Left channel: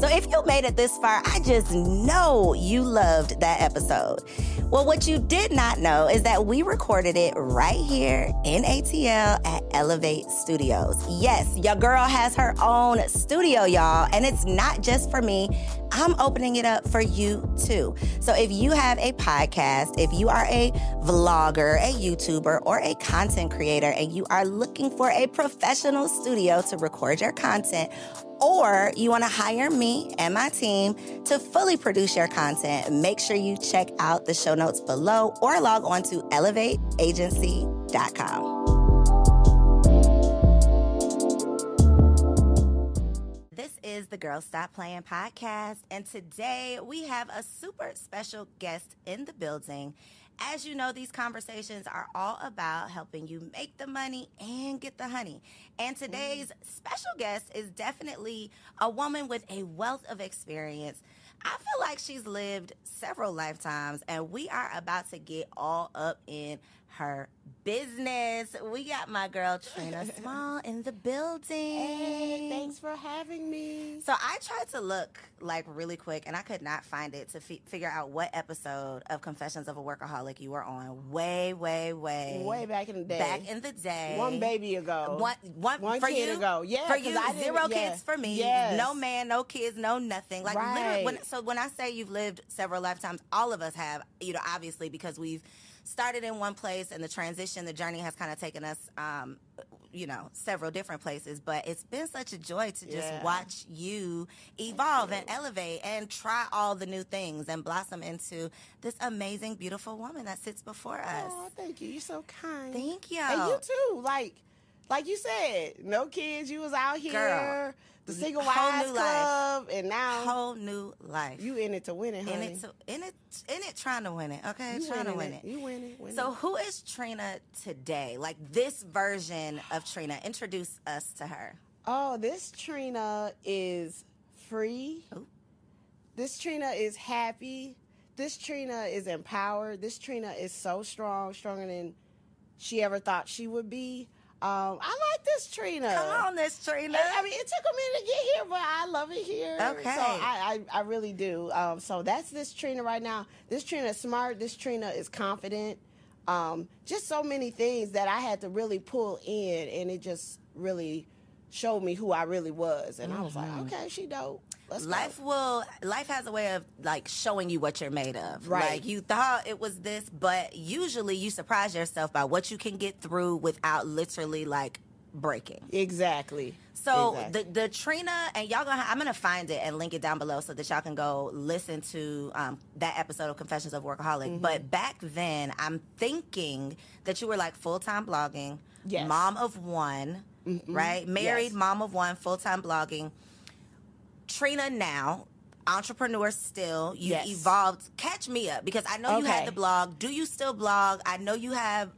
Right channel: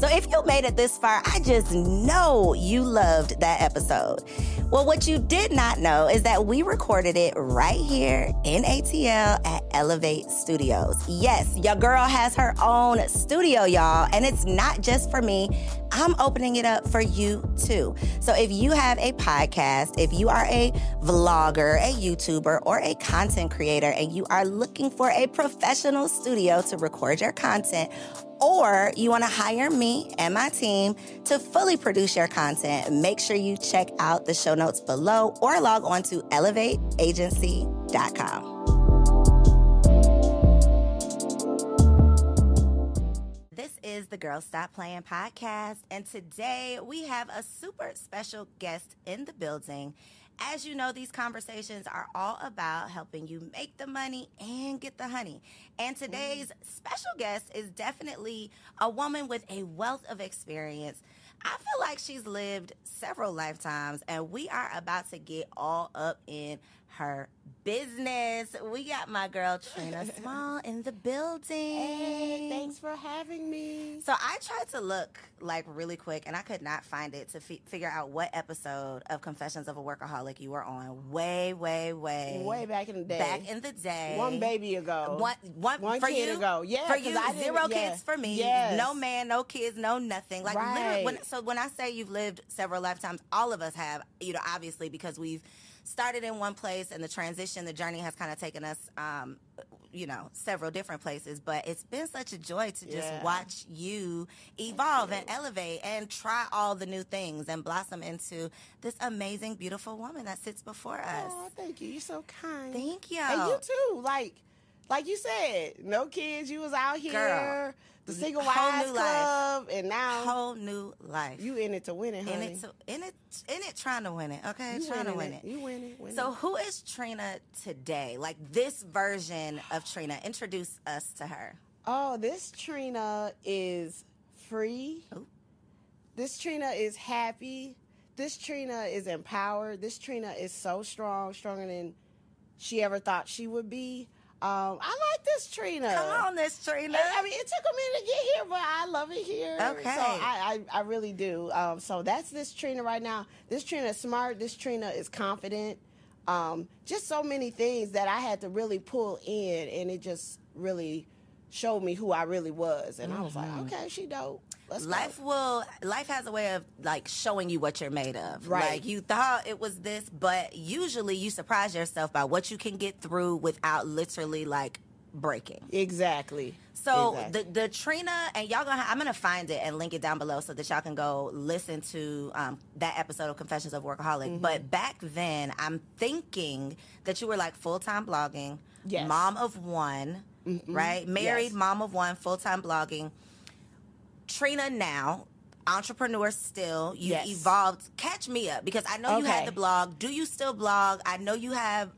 So if you made it this far, I just know you loved that episode. Well, what you did not know is that we recorded it right here in ATL at Elevate Studios. Yes, your girl has her own studio, y'all, and it's not just for me. I'm opening it up for you too. So if you have a podcast, if you are a vlogger, a YouTuber, or a content creator, and you are looking for a professional studio to record your content, or you want to hire me and my team to fully produce your content, make sure you check out the show notes below or log on to elevateagency.com. This is the Girl Stop Playin podcast, and today we have a super special guest in the building. As you know, these conversations are all about helping you make the money and get the honey. And today's special guest is definitely a woman with a wealth of experience. I feel like she's lived several lifetimes, and we are about to get all up in her business. We got my girl Trina Small in the building. Hey, thanks for having me. So I tried to look like really quick, and I could not find it to figure out what episode of Confessions of a Workaholic you were on. Way Back in the day. Back in the day. One baby ago. One for kid you? Ago. Yeah. For you, zero kids for me. Yes. No man, no kids, no nothing. Like right. literally. When I say you've lived several lifetimes, all of us have. You know, obviously because we've started in one place, and the journey has kind of taken us, several different places. But it's been such a joy to just watch you evolve and elevate and try all the new things and blossom into this amazing, beautiful woman that sits before us. Oh, thank you. You're so kind. Thank you. And you too. Like you said, no kids. You was out here. Girl. The Single Wives Club, and now whole new life. You in it to win it, honey. In it, trying to win it. Okay, trying to win it. You win it. So who is Trina today? Like this version of Trina. Introduce us to her. Oh, this Trina is free. Ooh. This Trina is happy. This Trina is empowered. This Trina is so strong, stronger than she ever thought she would be. I like this Trina. Come on, this Trina. I mean, it took a minute to get here, but I love it here. Okay. So I really do. So that's this Trina right now. This Trina is smart. This Trina is confident. Just so many things that I had to really pull in, and it just really showed me who I really was. And I was like, okay, she dope. Life has a way of like showing you what you're made of. Right. Like you thought it was this, but usually you surprise yourself by what you can get through without literally like breaking. Exactly. So the Trina, and I'm gonna find it and link it down below so that y'all can go listen to that episode of Confessions of Workaholic. But back then, I'm thinking that you were like full-time blogging, mom of one, right? Married, mom of one, full-time blogging. Trina now, entrepreneur still. You evolved. Catch me up, because I know you had the blog. Do you still blog? I know you have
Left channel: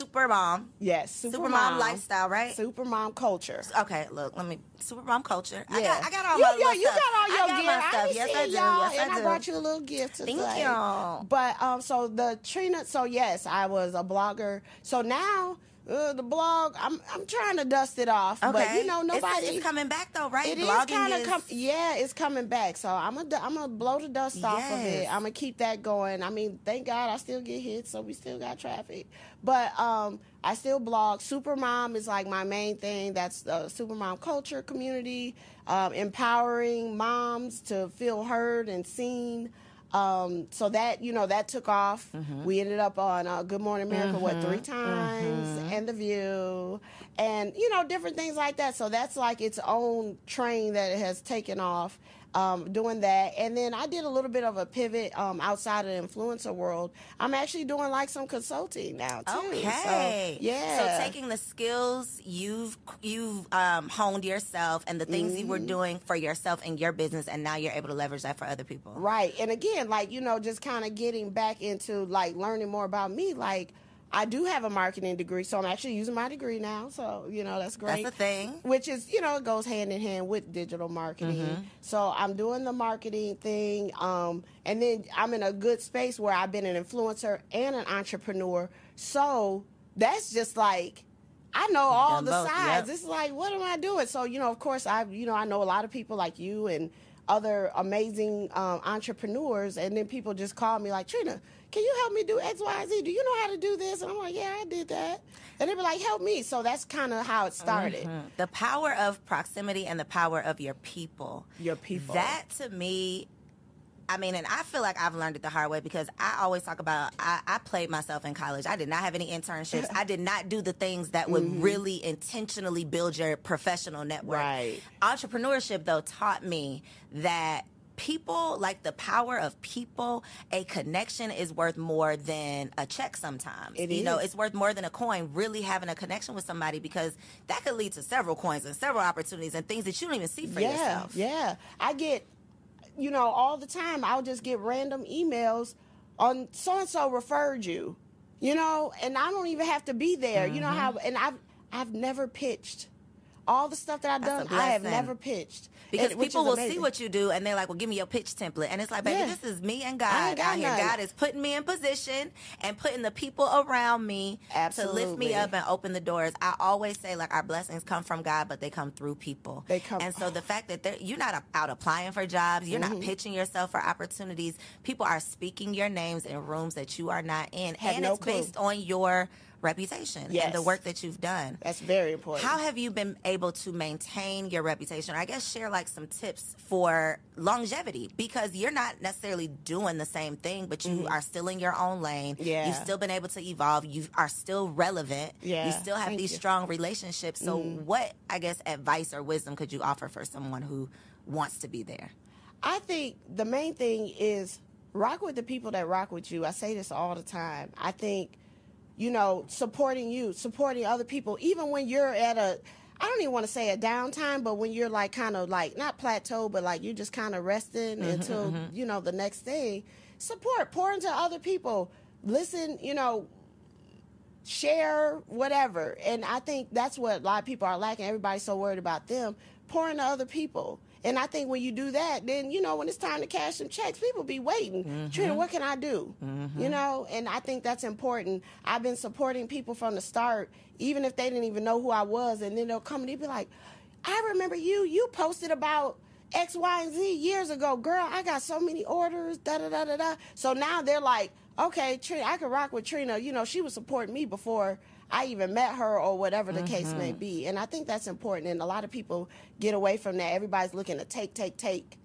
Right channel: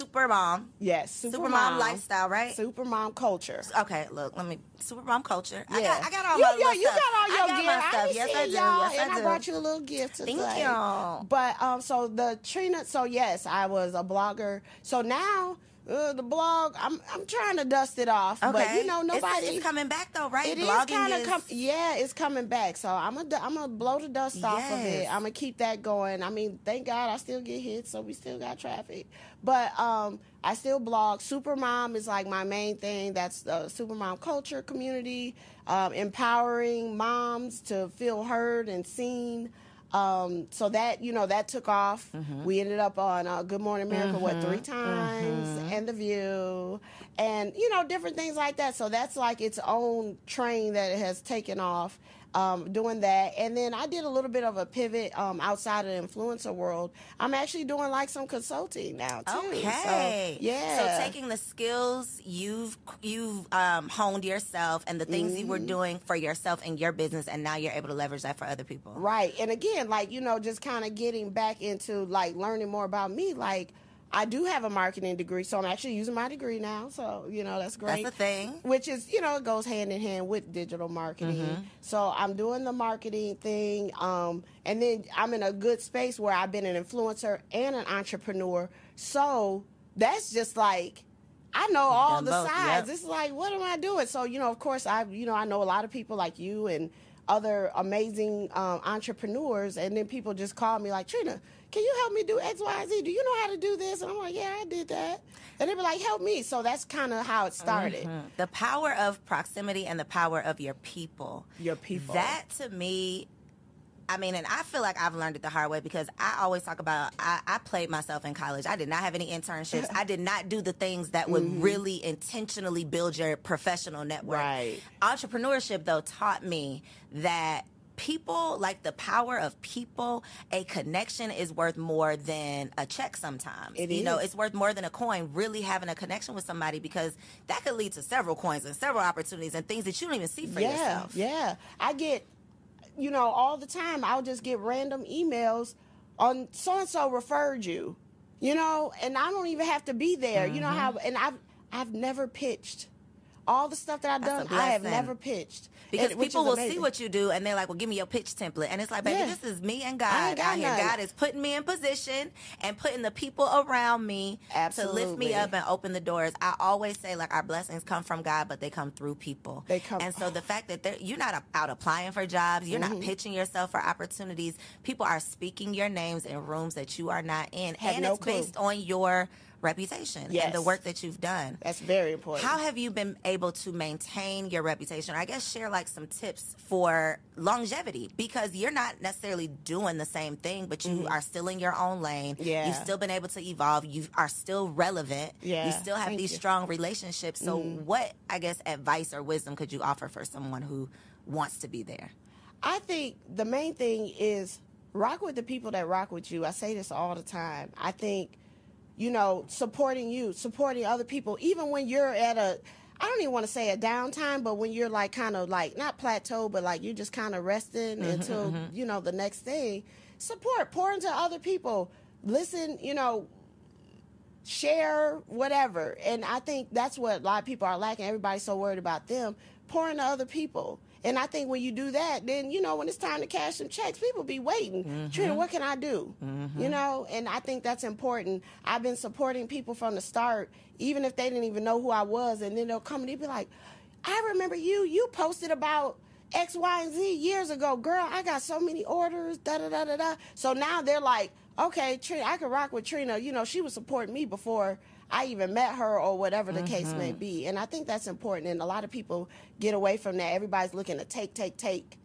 Supermom. Yes, Supermom lifestyle, right? Supermom culture. Okay, look, Supermom culture. Yeah. I got all my little you stuff. got all your my stuff. Yes, I do. Yes, I brought you a little gift today. Thank you. But so the Trina. So yes, I was a blogger. So now. The blog, I'm trying to dust it off, but you know nobody. It's coming back though, right? It Blogging it's coming back. So I'm gonna blow the dust off of it. I'm gonna keep that going. I mean, thank God I still get hits, so we still got traffic. But I still blog. Supermom is like my main thing. That's the Supermom culture community, empowering moms to feel heard and seen. So that, that took off. We ended up on Good Morning America, 3 times, and The View, and, different things like that. So that's like its own train that it has taken off, doing that. And then I did a little bit of a pivot outside of the influencer world. I'm actually doing like some consulting now, too. Okay. So taking the skills you've honed yourself and the things you were doing for yourself in your business, and now you're able to leverage that for other people. Right. And again, like, just kind of getting back into like learning more about me. Like, I do have a marketing degree, so I'm actually using my degree now. So, that's great. That's the thing. Which is, it goes hand in hand with digital marketing. So I'm doing the marketing thing. And then I'm in a good space where I've been an influencer and an entrepreneur. So that's just like I know all the sides. Yep. It's like, what am I doing? So, of course, I know a lot of people like you and other amazing entrepreneurs, and then people just call me like, Trina, can you help me do X, Y, Z? Do you know how to do this? And I'm like, yeah, I did that. And they be like, help me. So that's kind of how it started. Mm-hmm. The power of proximity and the power of your people. Your people. That, to me, I mean, and I feel like I've learned it the hard way, because I always talk about, I played myself in college. I did not have any internships. I did not do the things that would really intentionally build your professional network. Right. Entrepreneurship, though, taught me that people, like the power of people, a connection is worth more than a check sometimes. It's worth more than a coin, really having a connection with somebody, because that could lead to several coins and several opportunities and things that you don't even see for yourself. Yeah. I get, all the time, I'll just get random emails on so-and-so referred you, and I don't even have to be there. You know how, and I've never pitched. All the stuff that I've done, I have never pitched. Because people will see what you do, and they're like, well, give me your pitch template. And it's like, baby, this is me and God out here. God is putting me in position and putting the people around me to lift me up and open the doors. I always say, like, our blessings come from God, but they come through people. And so the fact that you're not out applying for jobs, you're not pitching yourself for opportunities. People are speaking your names in rooms that you are not in. And it's based on your reputation and the work that you've done. That's very important. How have you been able to maintain your reputation? I guess share like some tips for longevity, because you're not necessarily doing the same thing, but you are still in your own lane. You've still been able to evolve. You are still relevant. You still have these strong relationships. So what, I guess, advice or wisdom could you offer for someone who wants to be there? I think the main thing is rock with the people that rock with you. I say this all the time. I think supporting other people, even when you're at I don't even want to say a downtime, but when you're like kind of like not plateau, but like you're just kind of resting until, the next thing, pour into other people, listen, share, whatever. And I think that's what a lot of people are lacking. Everybody's so worried about them. Pour into other people. And I think when you do that, then, when it's time to cash some checks, people be waiting. Trina, what can I do? And I think that's important. I've been supporting people from the start, even if they didn't even know who I was. And then they'll come and they'll be like, I remember you posted about X, Y, and Z years ago. Girl, I got so many orders, da-da-da-da-da. So now they're like, okay, Trina, I can rock with Trina. She was supporting me before I even met her or whatever the case may be. And I think that's important. And a lot of people get away from that. Everybody's looking to take.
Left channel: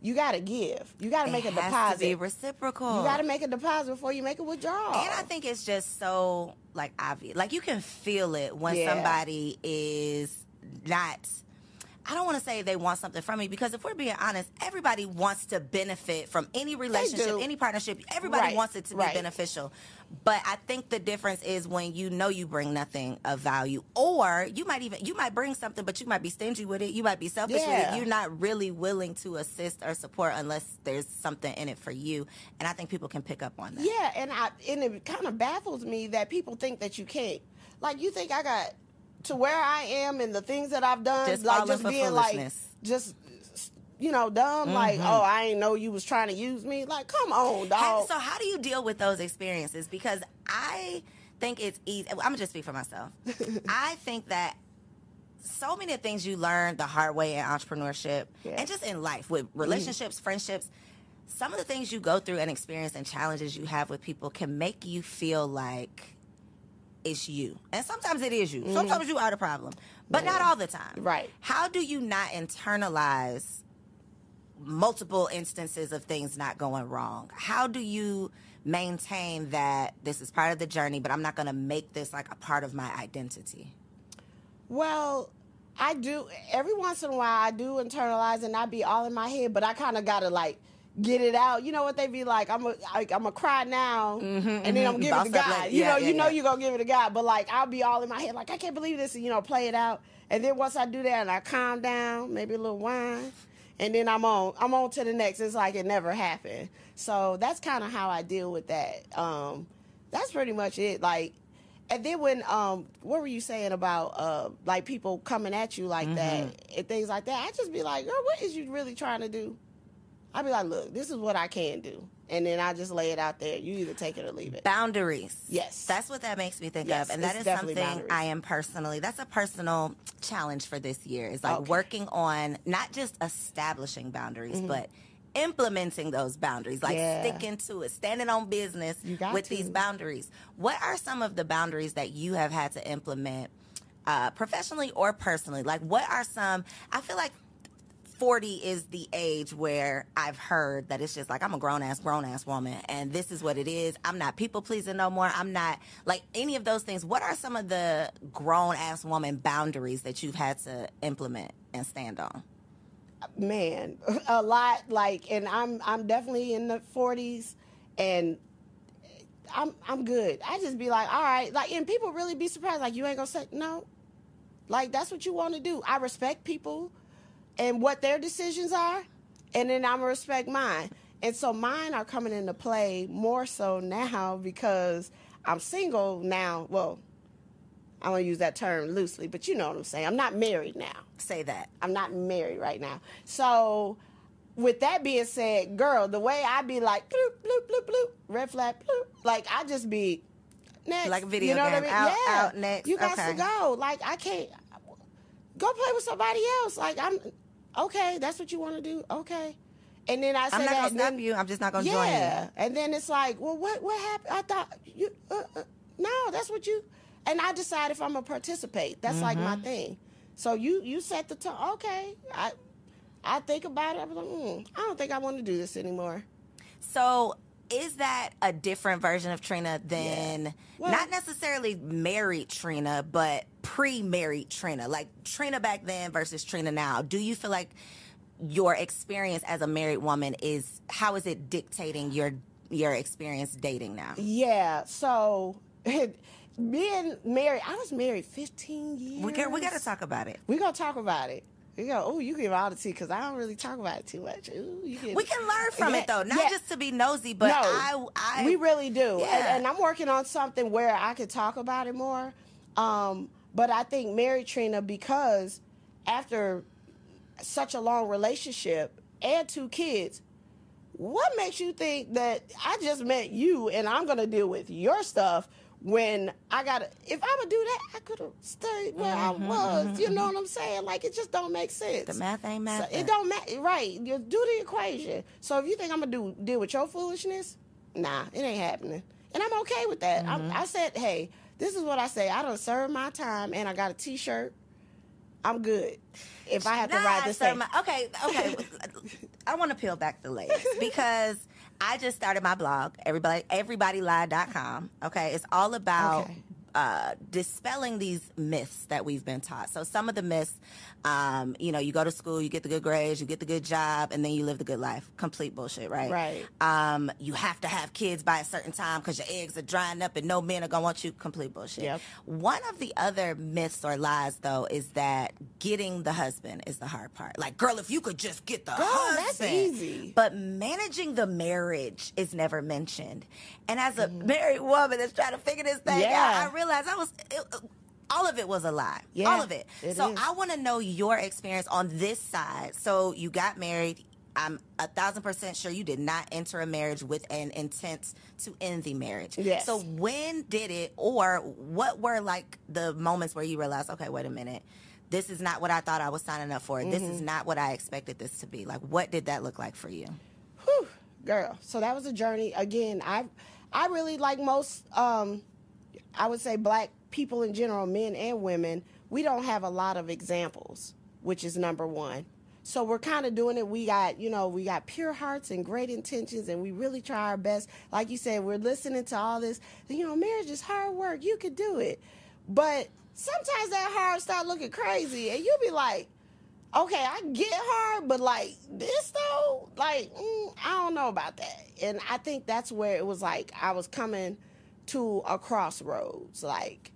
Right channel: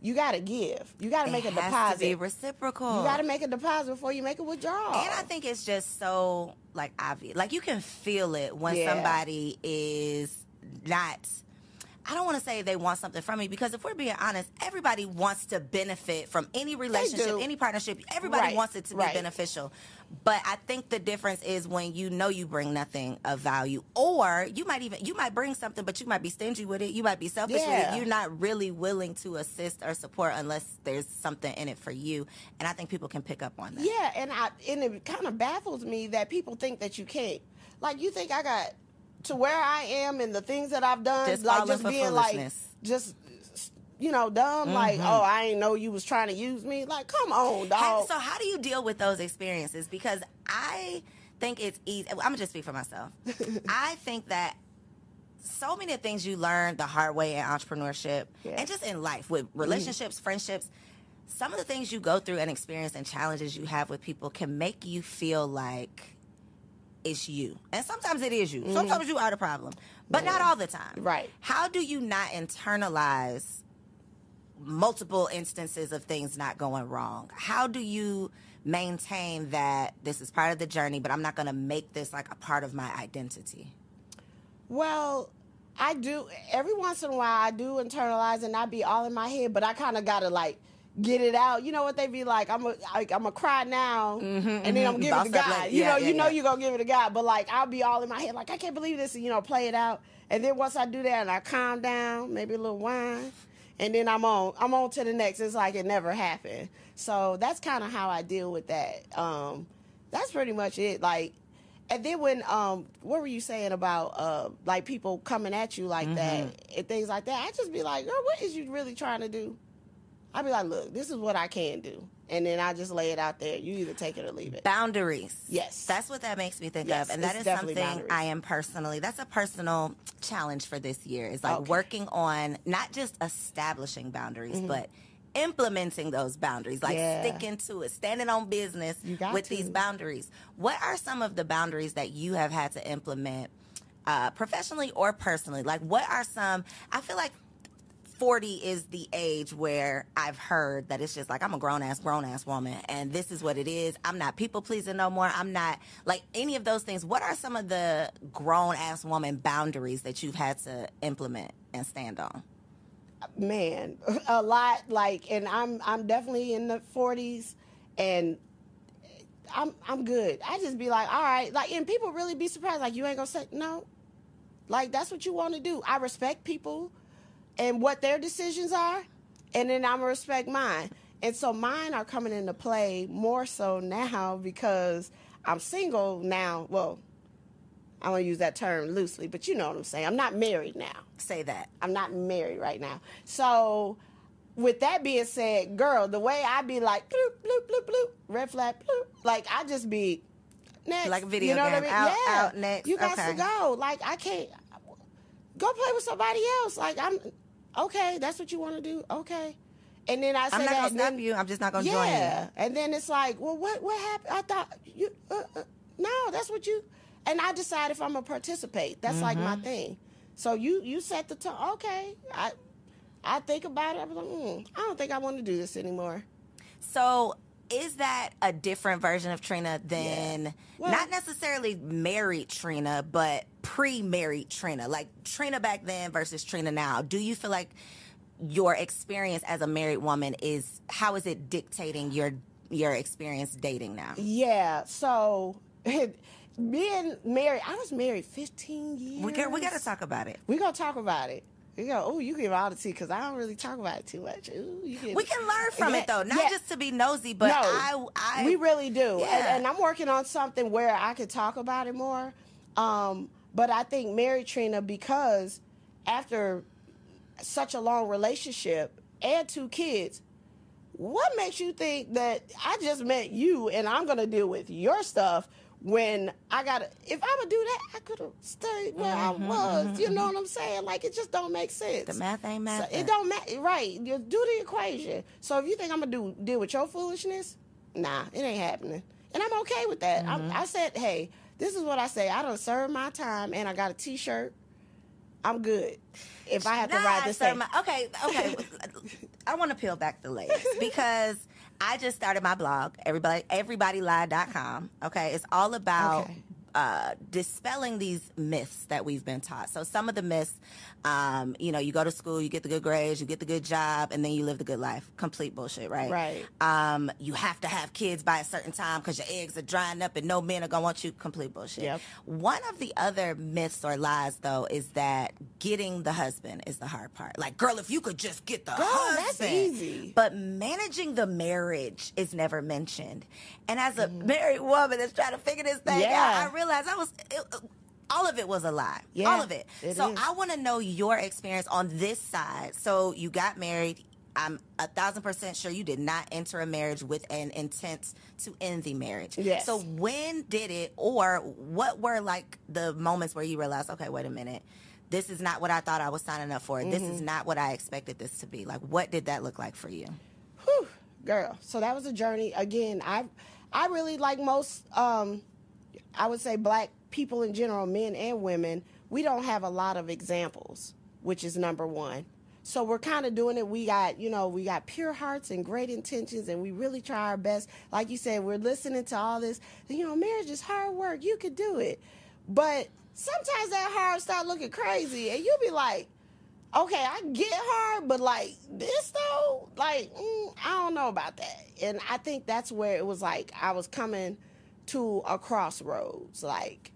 You got to give. You got to make a deposit. It has to be reciprocal. You got to make a deposit before you make a withdrawal. And I think it's just so, like, obvious. Like, you can feel it when somebody is not... I don't want to say they want something from me, because if we're being honest, everybody wants to benefit from any relationship, any partnership. Everybody wants it to be beneficial. But I think the difference is when you bring nothing of value, or you might bring something, but you might be stingy with it. You might be selfish with it. You're not really willing to assist or support unless there's something in it for you. And I think people can pick up on that. Yeah, and it kind of baffles me that people think that you can't. Like, you think I got to where I am and the things that I've done, just being like, dumb, like, oh, I ain't know you was trying to use me. Like, come on, dog. So how do you deal with those experiences? Because I think it's easy. I'm going to just speak for myself. I think that so many things you learn the hard way in entrepreneurship and just in life with relationships, friendships, some of the things you go through and experience and challenges you have with people can make you feel like it's you. And sometimes it is you. Sometimes you are the problem. But not all the time. Right. How do you not internalize multiple instances of things not going wrong? How do you maintain that this is part of the journey, but I'm not going to make this like a part of my identity? Well, I do. Every once in a while, I do internalize and not be all in my head, but I kind of got to like get it out. You know what they be like? I'm gonna cry now, and then I'm giving it to God. You know you're gonna give it to God, but like I'll be all in my head, like I can't believe this, and play it out. And then once I do that, and I calm down, maybe a little wine, and then I'm on to the next. It's like it never happened. So that's kind of how I deal with that. That's pretty much it. Like, and then when what were you saying about like people coming at you like that and things like that? I just be like, girl, what is you really trying to do? I'd be like, look, this is what I can do. And then I just lay it out there. You either take it or leave it. Boundaries. Yes. That's what that makes me think Yes, of. And that is something boundaries. that's a personal challenge for this year. Is like working on not just establishing boundaries, but implementing those boundaries, like sticking to it, standing on business with these boundaries. What are some of the boundaries that you have had to implement professionally or personally? Like, what are some, I feel like 40 is the age where I've heard that it's just like, I'm a grown-ass woman, and this is what it is. I'm not people-pleasing no more. I'm not, like, any of those things. What are some of the grown-ass woman boundaries that you've had to implement and stand on? Man, a lot, like, and I'm definitely in the 40s, and I'm good. I just be like, all right, like, and people really be surprised, like, you ain't gonna say no? Like, that's what you want to do. I respect people and what their decisions are, and then I'm gonna respect mine. And so mine are coming into play more so now because I'm single now. Well, I'm gonna use that term loosely, but you know what I'm saying. I'm not married now. Say that. I'm not married right now. So with that being said, girl, the way I be like, bloop, bloop, bloop, bloop, red flag, bloop, like I just be next. Like a video you know game. What I mean? Out, next. You got to go. Like, I can't go play with somebody else. Like, okay, that's what you want to do? Okay. And then I say, I'm not going to stop you. I'm just not going to join you. Yeah. And then it's like, well, what happened? I thought you, no, that's what you, and I decide if I'm going to participate. That's like my thing. So you set the tone. Okay. I think about it. I'm like, I don't think I want to do this anymore. So is that a different version of Trina than not necessarily married Trina, but pre-married Trina? Like Trina back then versus Trina now. Do you feel like your experience as a married woman how is it dictating your experience dating now? Yeah. So being married, I was married 15 years. We got to talk about it. We're going to talk about it. You give all the tea because I don't really talk about it too much. We can learn from it though, not just to be nosy, but we really do. Yeah. And I'm working on something where I could talk about it more. But I think married Trina, because after such a long relationship and 2 kids, what makes you think that I just met you and I'm going to deal with your stuff when if I would do that, I could have stayed where I was. You know what I'm saying? Like, it just don't make sense. The math ain't math. So it don't matter. Right. You do the equation. So if you think I'm going to deal with your foolishness, nah, it ain't happening. And I'm okay with that. I said, hey, this is what I say. I done served my time and I got a T-shirt. I'm good. If I have to ride this thing. Okay. I want to peel back the layers because I just started my blog, everybodylie.com. Okay, it's all about dispelling these myths that we've been taught. So some of the myths, you go to school, you get the good grades, you get the good job, and then you live the good life. Complete bullshit, right? Right. You have to have kids by a certain time because your eggs are drying up and no men are going to want you. Complete bullshit. Yep. One of the other myths or lies, though, is that getting the husband is the hard part. Like, girl, if you could just get the husband. That's easy. But managing the marriage is never mentioned. And as a married woman that's trying to figure this thing out, I realized all of it was a lie. Yeah, all of it. So is. I want to know your experience on this side. So you got married. I'm 1,000% sure you did not enter a marriage with an intent to end the marriage. Yes. So when did it, or what were like the moments where you realized, okay, wait a minute, this is not what I thought I was signing up for. This is not what I expected this to be. Like, what did that look like for you? Whew, girl. So that was a journey. Again, I really, like most, I would say black people in general, men and women, we don't have a lot of examples, which is number one. So we're kind of doing it. We got pure hearts and great intentions, and we really try our best. Like you said, we're listening to all this. Marriage is hard work. You could do it. But sometimes that hard start looking crazy, and you'll be like, okay, I get hard, but like this though, like, I don't know about that. And I think that's where it was like I was coming to a crossroads. Like,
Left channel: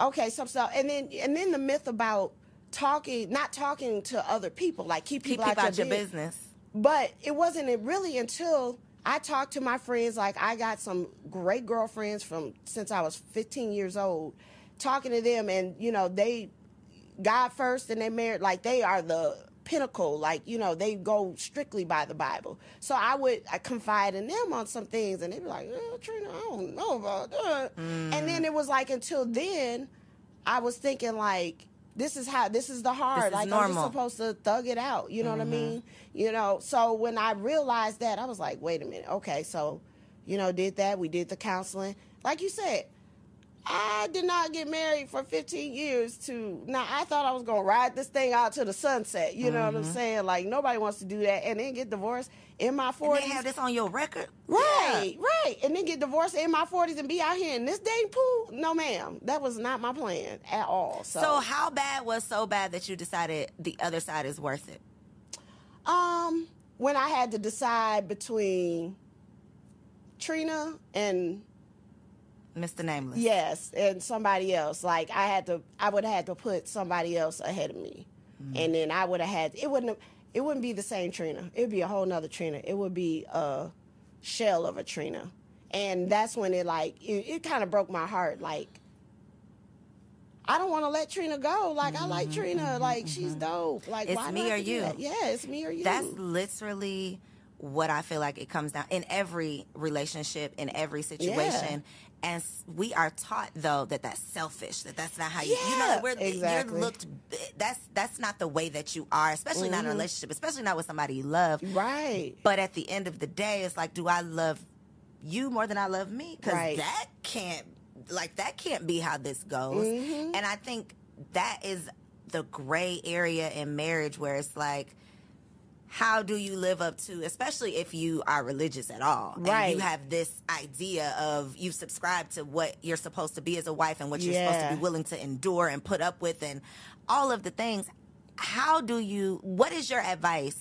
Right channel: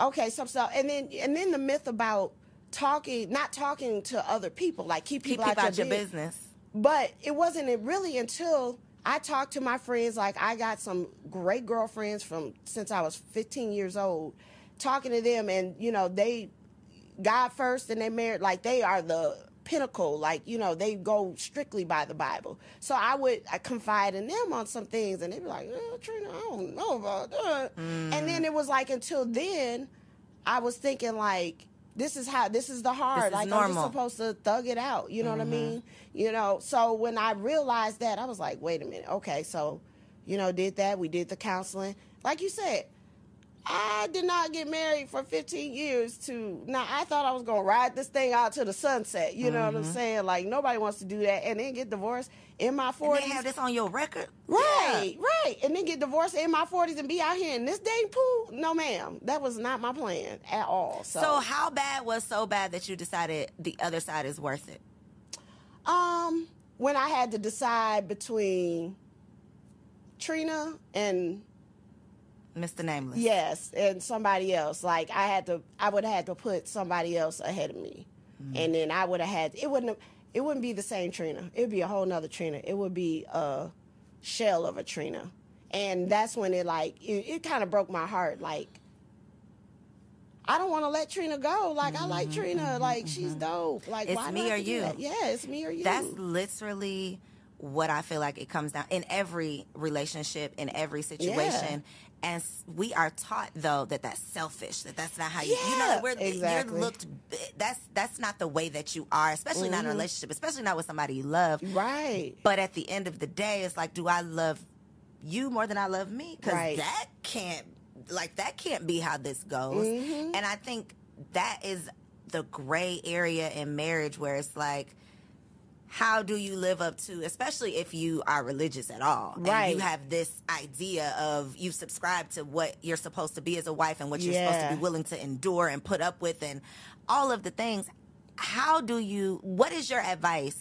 okay, and then the myth about not talking to other people, like keep people out your business. But it wasn't really until I talked to my friends. Like, I got some great girlfriends since I was 15 years old, talking to them, and they God first and they married, like they are the pinnacle, like, you know, they go strictly by the Bible. So I confide in them on some things, and they'd be like, Trina, I don't know about that. And then it was like, until then, I was thinking, like, this is the hard. This is like, normal. I'm just supposed to thug it out. You know what I mean? You know, so when I realized that, I was like, wait a minute. Okay, so, you know, did that. We did the counseling. Like you said, I did not get married for 15 years now I thought I was going to ride this thing out to the sunset. You know what I'm saying? Like, nobody wants to do that and then get divorced in my 40s. And they have this on your record. Right, right. And then get divorced in my 40s and be out here in this dating pool? No, ma'am. That was not my plan at all. So how bad was so bad that you decided the other side is worth it? When I had to decide between Trina and Mr. Nameless. Yes, and somebody else. Like, I would have had to put somebody else ahead of me. And then I would have had, it wouldn't be the same Trina. It would be a whole nother Trina. It would be a shell of a Trina. And that's when it kind of broke my heart. Like, I don't want to let Trina go. Like, I like Trina. Like, she's dope. Like, it's me or you. Yeah, it's me or you. That's literally what I feel like it comes down in every relationship, in every situation. And we are taught, though, that that's selfish, that's not how you know, you're looked, that's not the way that you are, especially not in a relationship, especially not with somebody you love. Right. But at the end of the day, it's like, do I love you more than I love me? Because that can't be how this goes. And I think that is the gray area in marriage, where it's like, how do you live up to, especially if you are religious at all, right? And you have this idea of, you subscribe to what you're supposed to be as a wife and what you're supposed to be willing to endure and put up with and all of the things. What is your advice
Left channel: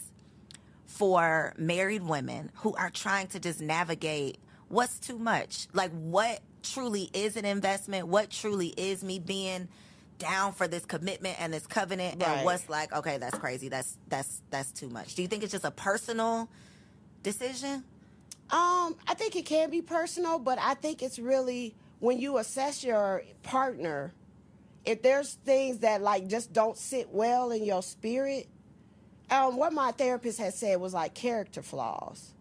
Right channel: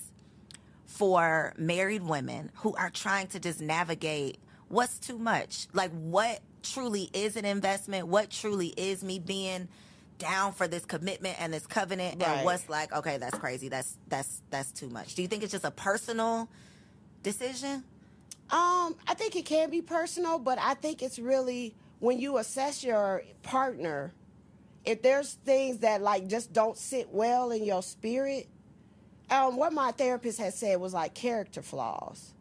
for married women who are trying to just navigate what's too much? Like, what truly is an investment? What truly is me being down for this commitment and this covenant, and what's like, okay, that's crazy, that's too much? Do you think it's just a personal decision? I think it can be personal, but I think it's really when you assess your partner, if there's things that like just don't sit well in your spirit. What my therapist had said was like character flaws,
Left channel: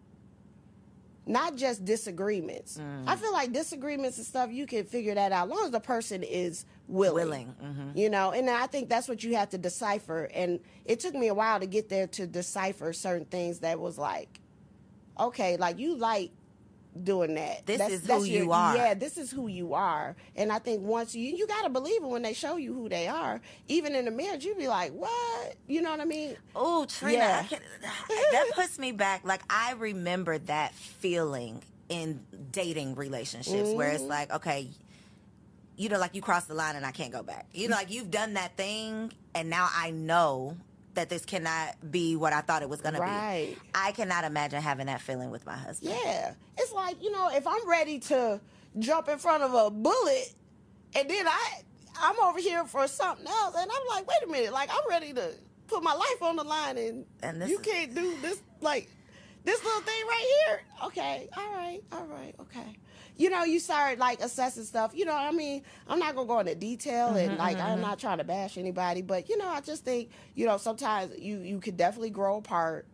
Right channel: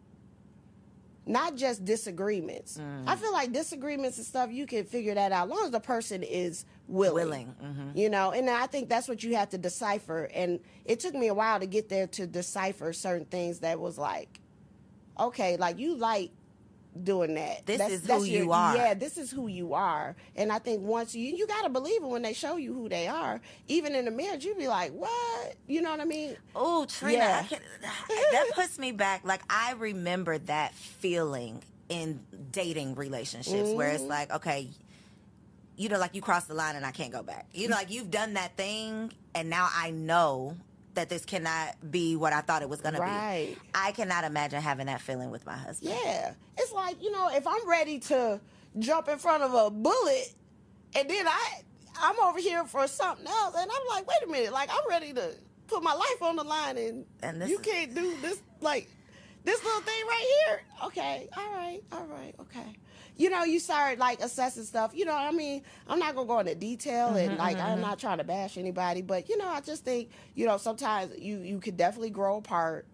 not just disagreements. I feel like disagreements and stuff, you can figure that out as long as the person is willing. You know, and I think that's what you have to decipher. And it took me a while to get there, to decipher certain things that was like, okay, like, you like doing that. This is who you are. Yeah, this is who you are. And I think once you got to believe it when they show you who they are. Even in the marriage, you be like, what? You know what I mean? Oh, Trina, that puts me back. Like, I remember that feeling in dating relationships where it's like, okay, you know, like, you cross the line and I can't go back. You know, like, you've done that thing and now I know that this cannot be what I thought it was going to be. I cannot imagine having that feeling with my husband. Yeah. It's like, you know, if I'm ready to jump in front of a bullet and then I'm over here for something else, and I'm like, wait a minute, like, I'm ready to put my life on the line, and you can't do this, like, this little thing right here. Okay. All right. Okay. You know, you start, like, assessing stuff. You know what I mean? I'm not going to go into detail, and, like, I'm not trying to bash anybody. But, you know, I just think, you know, sometimes you could definitely grow apart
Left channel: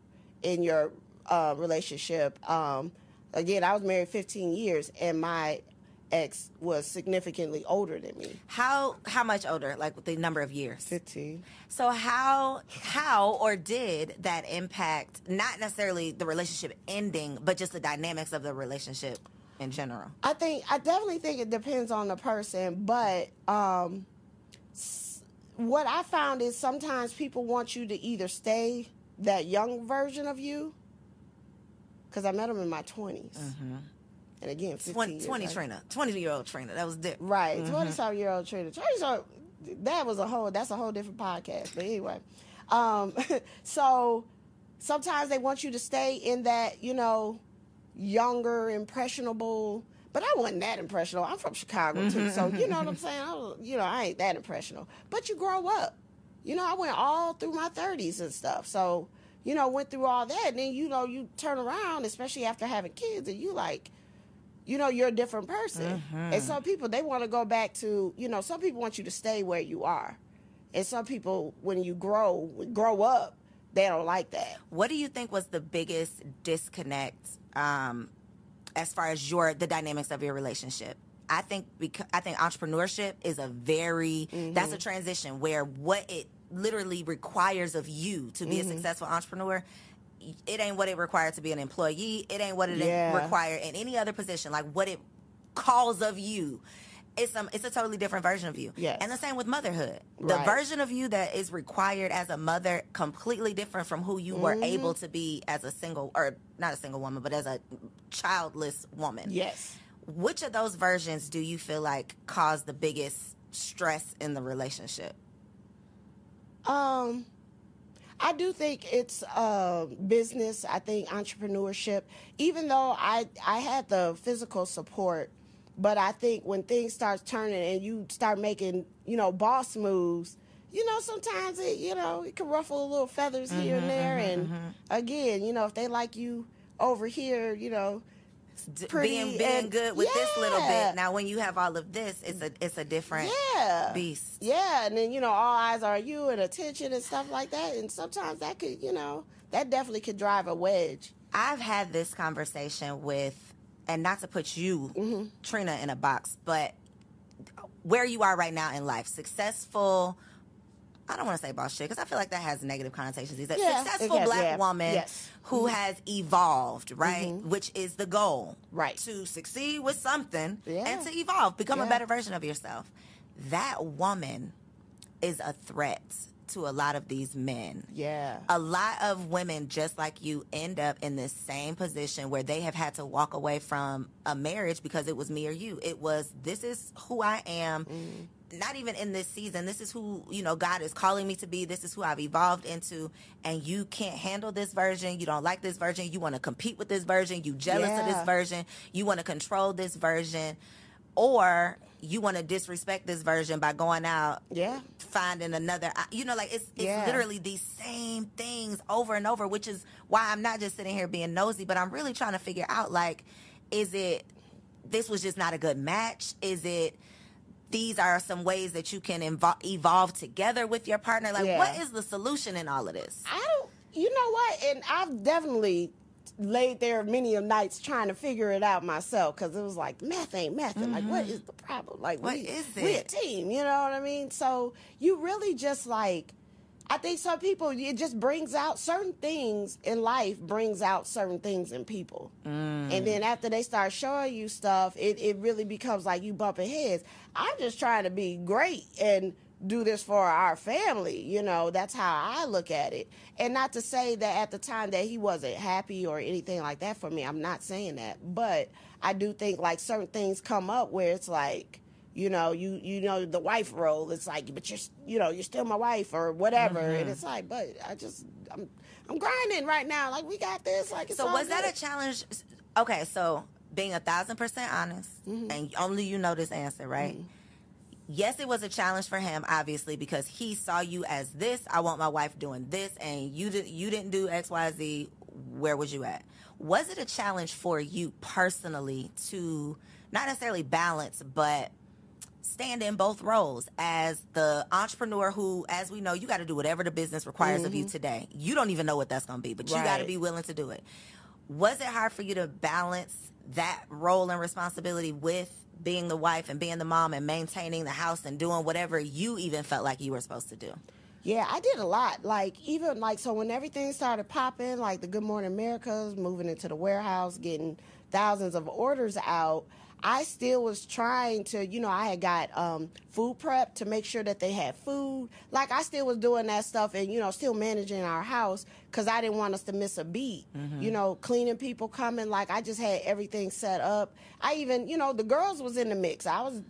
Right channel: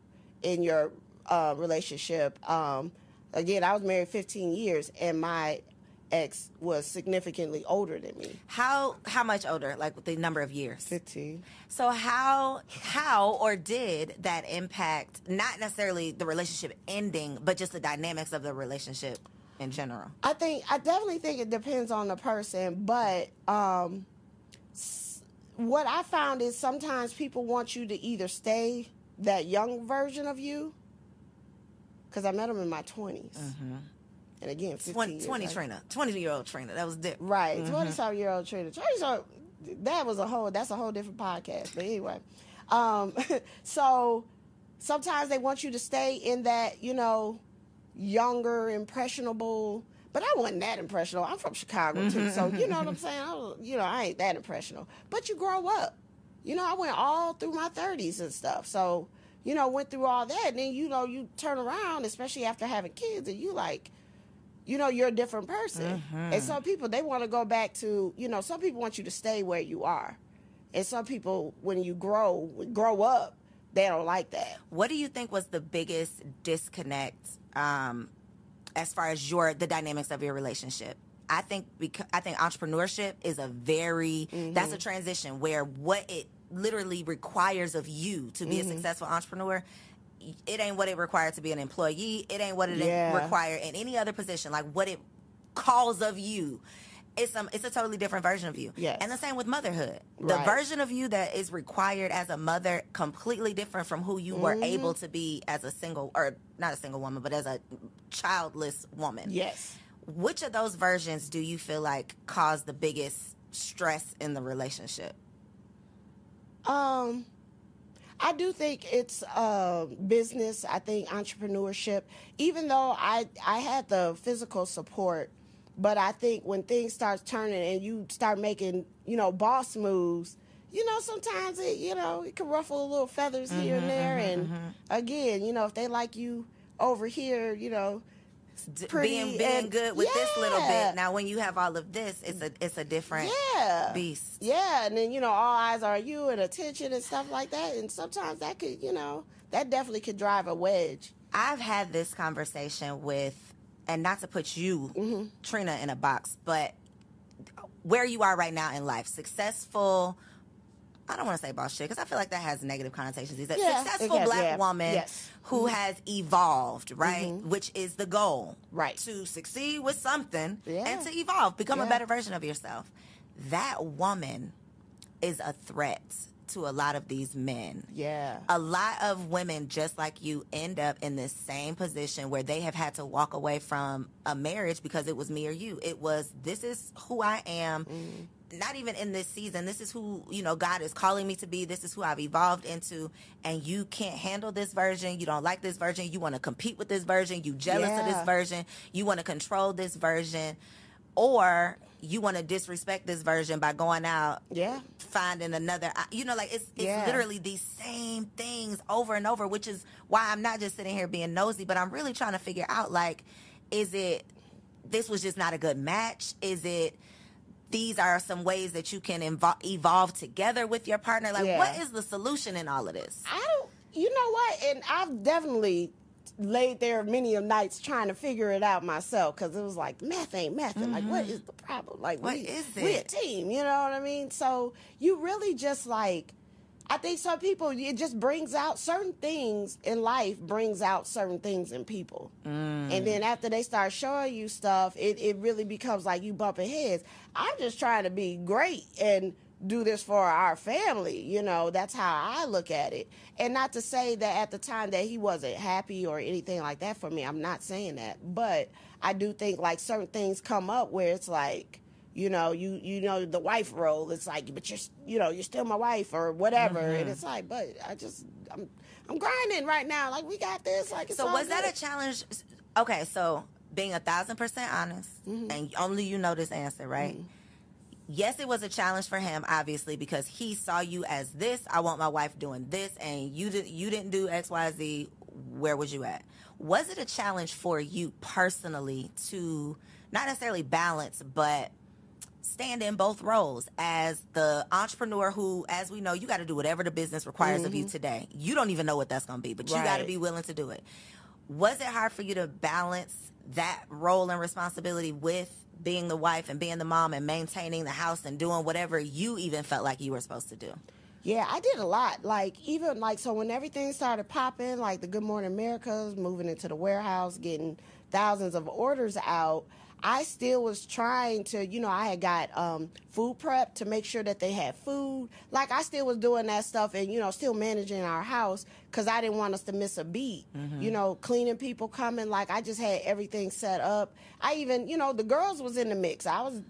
in your relationship. Again, I was married 15 years, and my ex was significantly older than me. How much older? Like, the number of years? 15. So how or did that impact, not necessarily the relationship ending, but just the dynamics of the relationship in general? I definitely think it depends on the person, but what I found is sometimes people want you to either stay that young version of you, because I met him in my 20s. And again, 15 20 years, Trina, 20-year-old Trina, that was different. Right, 20-something-year-old Trina. That's a whole different podcast. But anyway, so sometimes they want you to stay in that, you know, younger, impressionable. But I wasn't that impressionable. I'm from Chicago too, so you know what I'm saying. I ain't that impressionable. But you grow up. You know, I went all through my 30s and stuff. So, you know, went through all that, and then, you know, you turn around, especially after having kids, and you like, you know, you're a different person. And some people, they want to go back to, you know, some people want you to stay where you are. And some people, when you grow up, they don't like that. What do you think was the biggest disconnect as far as the dynamics of your relationship? I think entrepreneurship is a very that's a transition where what it literally requires of you to be a successful entrepreneur, it ain't what it requires to be an employee. It ain't what it requires in any other position. Like what it calls of you. It's a totally different version of you. Yes. And the same with motherhood. The version of you that is required as a mother, completely different from who you were able to be as a single, or not a single woman, but as a childless woman. Yes. Which of those versions do you feel like caused the biggest stress in the relationship? I do think it's business. I think entrepreneurship, even though I had the physical support, but I think when things start turning and you start making, boss moves, sometimes it can ruffle a little feathers here and there. And again, if they like you over here, pretty being good with this little bit. Now, when you have all of this, it's a different beast. Yeah, and then all eyes are on you and attention and stuff like that. And sometimes that could, that definitely could drive a wedge. I've had this conversation with, and not to put you, Trina, in a box, but where you are right now in life, successful. I don't want to say boss shit because I feel like that has negative connotations. He's a successful black woman who has evolved, right? Which is the goal, right? To succeed with something and to evolve, become a better version of yourself. That woman is a threat to a lot of these men. Yeah. A lot of women, just like you, end up in the same position where they have had to walk away from a marriage because it was me or you. It was, this is who I am. Not even in this season. This is who, God is calling me to be. This is who I've evolved into. And you can't handle this version. You don't like this version. You want to compete with this version. You jealous of this version. You want to control this version. Or you want to disrespect this version by going out, finding another, it's literally these same things over and over, which is why I'm not just sitting here being nosy, but I'm really trying to figure out, is it, this was just not a good match? Is it, these are some ways that you can evolve together with your partner? What is the solution in all of this? You know what? And I've definitely laid there many a nights trying to figure it out myself because it was like, math ain't math. Like, what is the problem? Like, what is it? We a team, you know what I mean? So you really just I think some people, it just brings out certain things in life, brings out certain things in people. And then after they start showing you stuff, it really becomes like you bumping heads. I'm just trying to be great and do this for our family. That's how I look at it. And not to say that at the time that he wasn't happy or anything like that for me. I'm not saying that. But I do think certain things come up where it's like, the wife role. It's like, but you're still my wife or whatever. And it's like, but I'm grinding right now. Like, we got this. Like, it's so all was good. that a challenge? Okay, so being 1,000% honest, and only you know this answer, right? Yes, it was a challenge for him, obviously, because he saw you as this. I want my wife doing this, and you didn't do X, Y, Z. Where was you at? Was it a challenge for you personally to not necessarily balance, but stand in both roles as the entrepreneur who, as we know, you got to do whatever the business requires of you today. You don't even know what that's going to be, but you got to be willing to do it. Was it hard for you to balance that role and responsibility with being the wife and being the mom and maintaining the house and doing whatever you even felt like you were supposed to do? Yeah, I did a lot. So when everything started popping, like the Good Morning Americas, moving into the warehouse, getting thousands of orders out, I still was trying to, I had got food prep to make sure that they had food. Like, I still was doing that stuff and, still managing our house because I didn't want us to miss a beat. Cleaning people coming. Like, I just had everything set up. I even, the girls was in the mix. I was,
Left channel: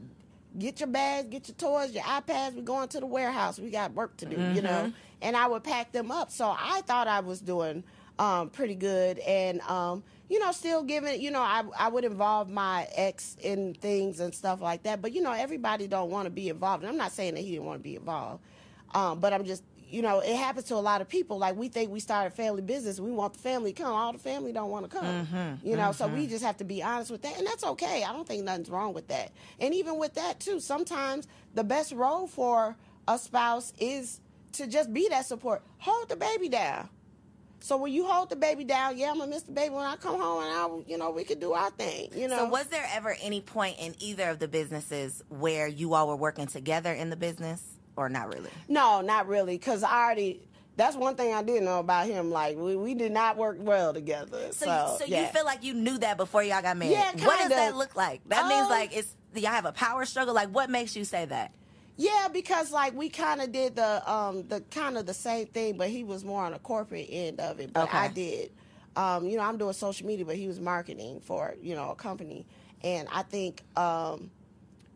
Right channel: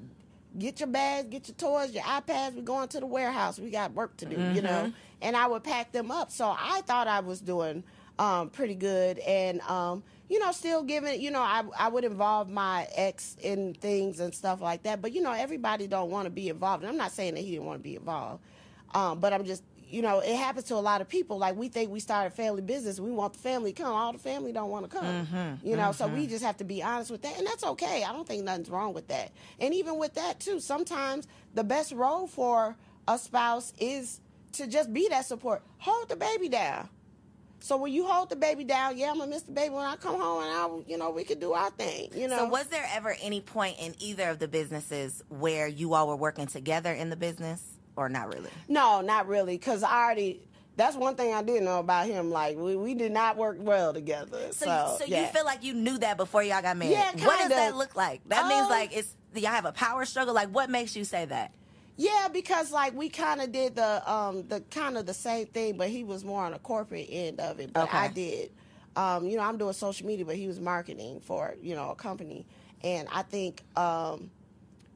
get your bags, get your toys, your iPads. We're going to the warehouse. We got work to do, And I would pack them up. So I thought I was doing pretty good. And, still giving, I would involve my ex in things and stuff like that. But, everybody don't want to be involved. And I'm not saying that he didn't want to be involved. But I'm just, it happens to a lot of people. Like, we think we started family business. We want the family to come. All the family don't want to come. So we just have to be honest with that. And that's okay. I don't think nothing's wrong with that. And even with that, too, sometimes the best role for a spouse is to just be that support. Hold the baby down. So when you hold the baby down, yeah, I'm gonna miss the baby when I come home, and we could do our thing. So was there ever any point in either of the businesses where you all were working together in the business, or not really? No, not really, because that's one thing I didn't know about him. Like, we did not work well together. So you feel like you knew that before y'all got married? Yeah, kinda. What does that look like? That means, like, y'all have a power struggle? Like, what makes you say that? Yeah, because, like, we kind of did the same thing, but he was more on the corporate end of it. But okay. I did. I'm doing social media, but he was marketing for, a company. And I think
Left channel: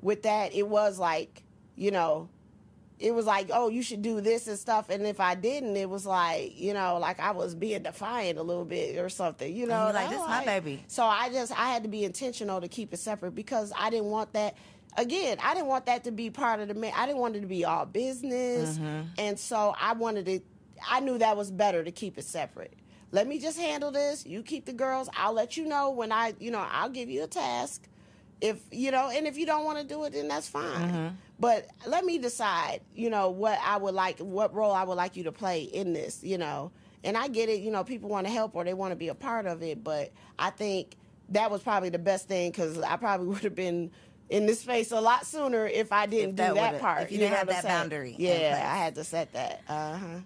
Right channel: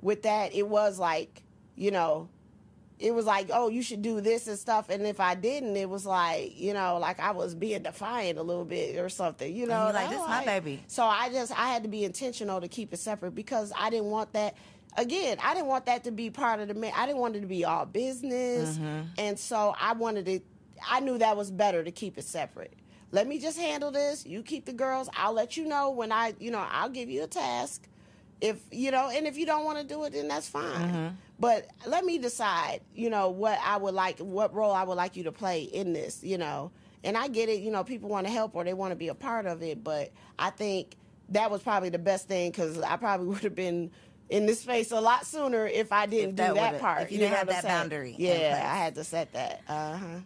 with that, it was like, it was like, oh, you should do this and stuff. And if I didn't, it was like, like I was being defiant a little bit or something, Like, this is my baby. So I had to be intentional to keep it separate, because I didn't want that. Again, I didn't want that to be part of I didn't want it to be all business. Mm-hmm. And so I knew that was better to keep it separate. Let me just handle this. You keep the girls. I'll let you know when I'll give you a task. And if you don't want to do it, then that's fine. Mm-hmm. But let me decide, what role I would like you to play in this, And I get it, people want to help or they want to be a part of it. But I think that was probably the best thing, because I probably would have been in this space a lot sooner if I didn't do that part. If you didn't have that boundary. Yeah, I had to set that. Uh-huh.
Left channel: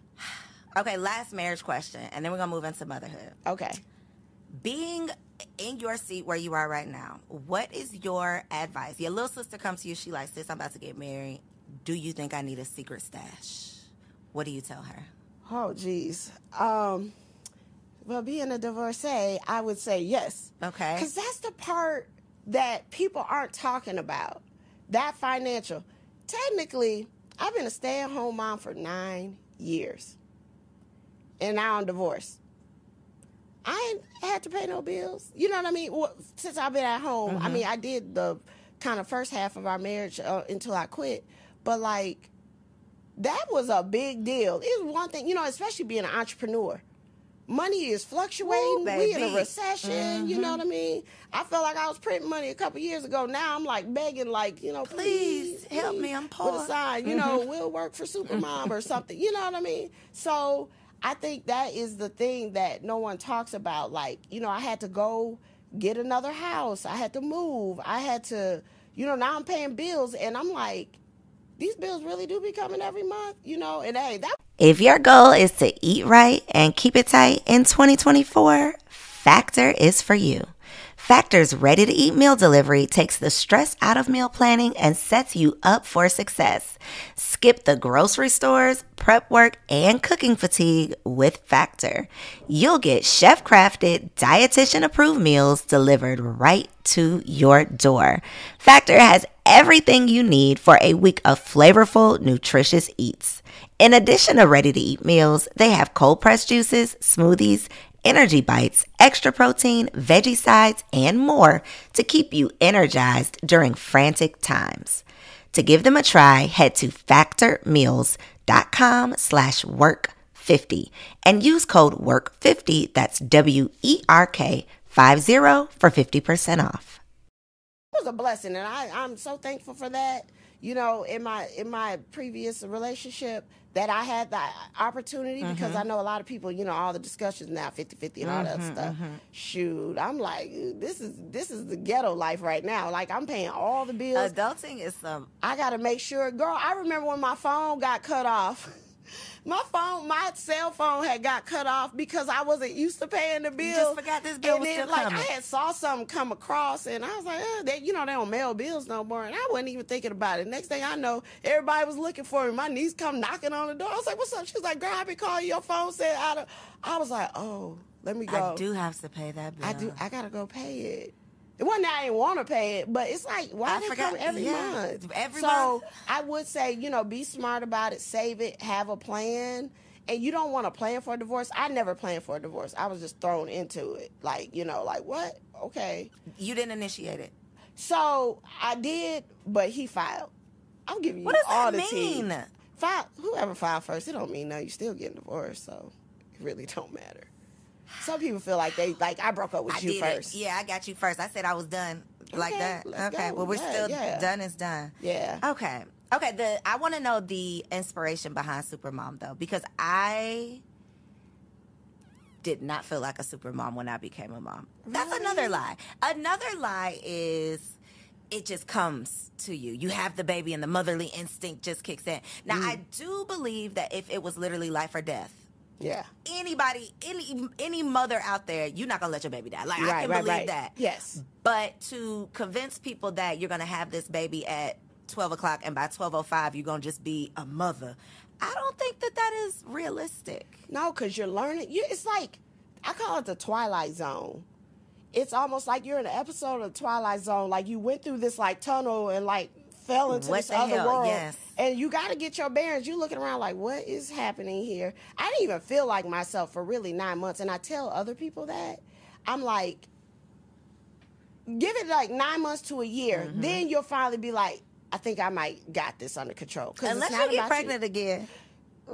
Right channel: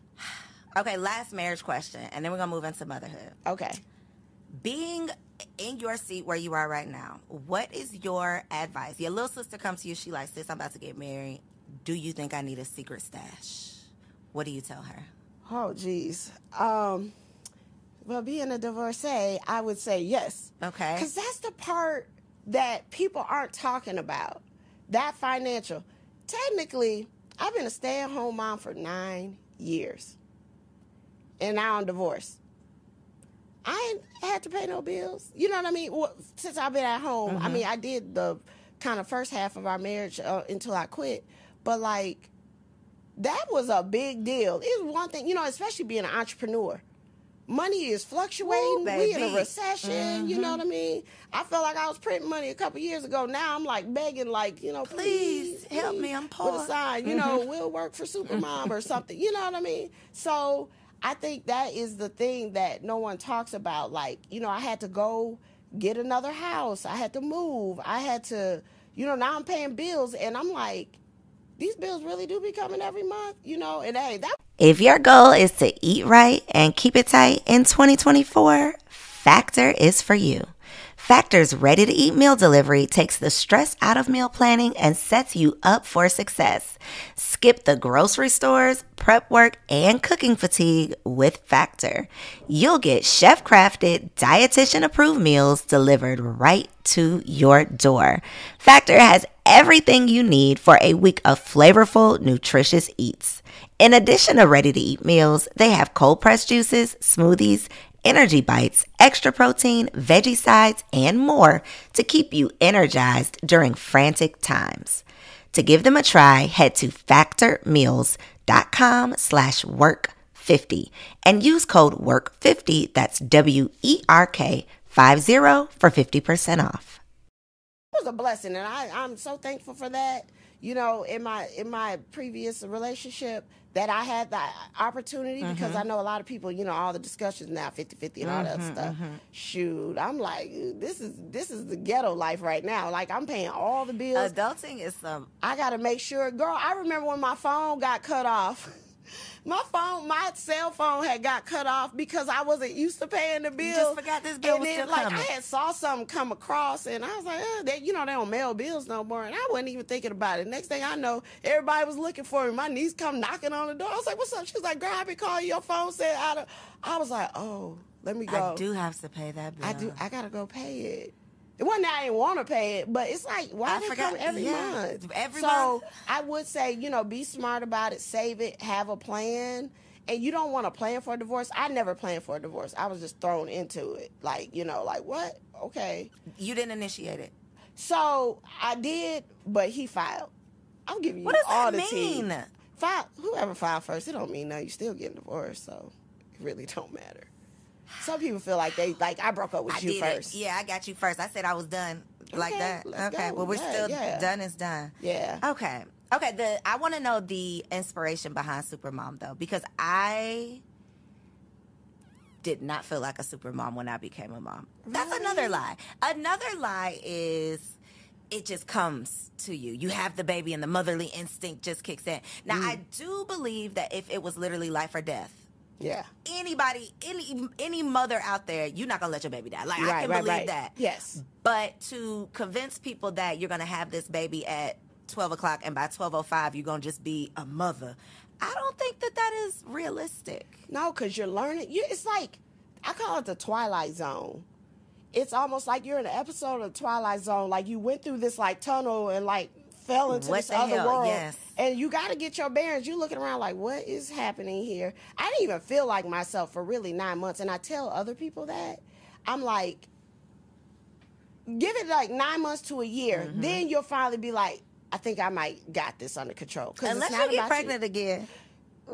Okay, last marriage question, and then we're going to move into motherhood. Okay. Being in your seat where you are right now, what is your advice? Your little sister comes to you, she like, sis, I'm about to get married. Do you think I need a secret stash? What do you tell her? Oh, geez. Well, being a divorcee, I would say yes. Okay. Because that's the part that people aren't talking about. That financial. Technically, I've been a stay-at-home mom for 9 years. And now I'm divorced. I ain't had to pay no bills. You know what I mean? Well, since I've been at home, mm-hmm. I mean, I did the kind of first half of our marriage until I quit. But, like, that was a big deal. It was one thing, especially being an entrepreneur. Money is fluctuating. We in a recession. Mm-hmm. You know what I mean? I felt like I was printing money a couple years ago. Now I'm like begging, like, please help me. I'm poor. With a sign, we'll work for Supermom or something. You know what I mean? So I think that is the thing that no one talks about. Like, I had to go get another house. I had to move. I had to, now I'm paying bills, and I'm like, these bills really do be coming every month, and hey, that. If your goal is to eat right and keep it tight in 2024, Factor is for you. Factor's ready-to-eat meal delivery takes the stress out of meal planning and sets you up for success. Skip the grocery stores, prep work, and cooking fatigue with Factor. You'll get chef-crafted, dietitian-approved meals delivered right to your door. Factor has everything you need for a week of flavorful, nutritious eats. In addition to ready-to-eat meals, they have cold-pressed juices, smoothies, energy bites, extra protein, veggie sides, and more to keep you energized during frantic times. To give them a try, head to factormeals.com/work50 and use code WORK50, that's WERK50 for 50% off. It was a blessing, and I'm so thankful for that. In my previous relationship, that I had the opportunity, mm-hmm. because I know a lot of people, all the discussions now, 50-50 and all that stuff. Mm-hmm. Shoot, I'm like, this is the ghetto life right now. Like, I'm paying all the bills. Adulting is I got to make sure, girl, I remember when my phone got cut off. My cell phone had got cut off because I wasn't used to paying the bill. You just forgot this bill was still coming. I had saw something come across, and I was like, they don't mail bills no more. And I wasn't even thinking about it. Next thing I know, everybody was looking for me. My niece come knocking on the door. I was like, what's up? She was like, girl, I been calling your phone. Said I was like, oh, let me go. I do have to pay that bill. I got to go pay it. It wasn't that I didn't want to pay it, but it's like, why does it come every month? Every month. I would say, be smart about it, save it, have a plan. And you don't want to plan for a divorce. I never planned for a divorce. I was just thrown into it. Like, like, what? Okay. You didn't initiate it. So I did, but he filed. I'm giving you all the tea. What does that mean? Whoever filed first, it don't mean nothing. You still getting divorced, so it really don't matter. Some people feel like I broke up with you first. Yeah, I got you first. I said I was done like that. Okay, well, we're still done is done. Yeah. Okay. I want to know the inspiration behind Supermom, though, because I did not feel like a super mom when I became a mom. That's another lie. Another lie is it just comes to you. You have the baby and the motherly instinct just kicks in. Now, I do believe that if it was literally life or death, anybody, any mother out there, you're not going to let your baby die. Like, I can believe that. Yes. But to convince people that you're going to have this baby at 12 o'clock and by 12:05 you're going to just be a mother, I don't think that that is realistic. No, because you're learning. It's like, I call it the Twilight Zone. It's almost like you're in an episode of the Twilight Zone. Like, you went through this, like, tunnel and, like, fell into this other world. Yes. And you got to get your bearings. You're looking around like, what is happening here? I didn't even feel like myself for really 9 months. And I tell other people that. I'm like, give it, like, 9 months to a year. Then you'll finally be like, I think I might got this under control. Unless you get pregnant again.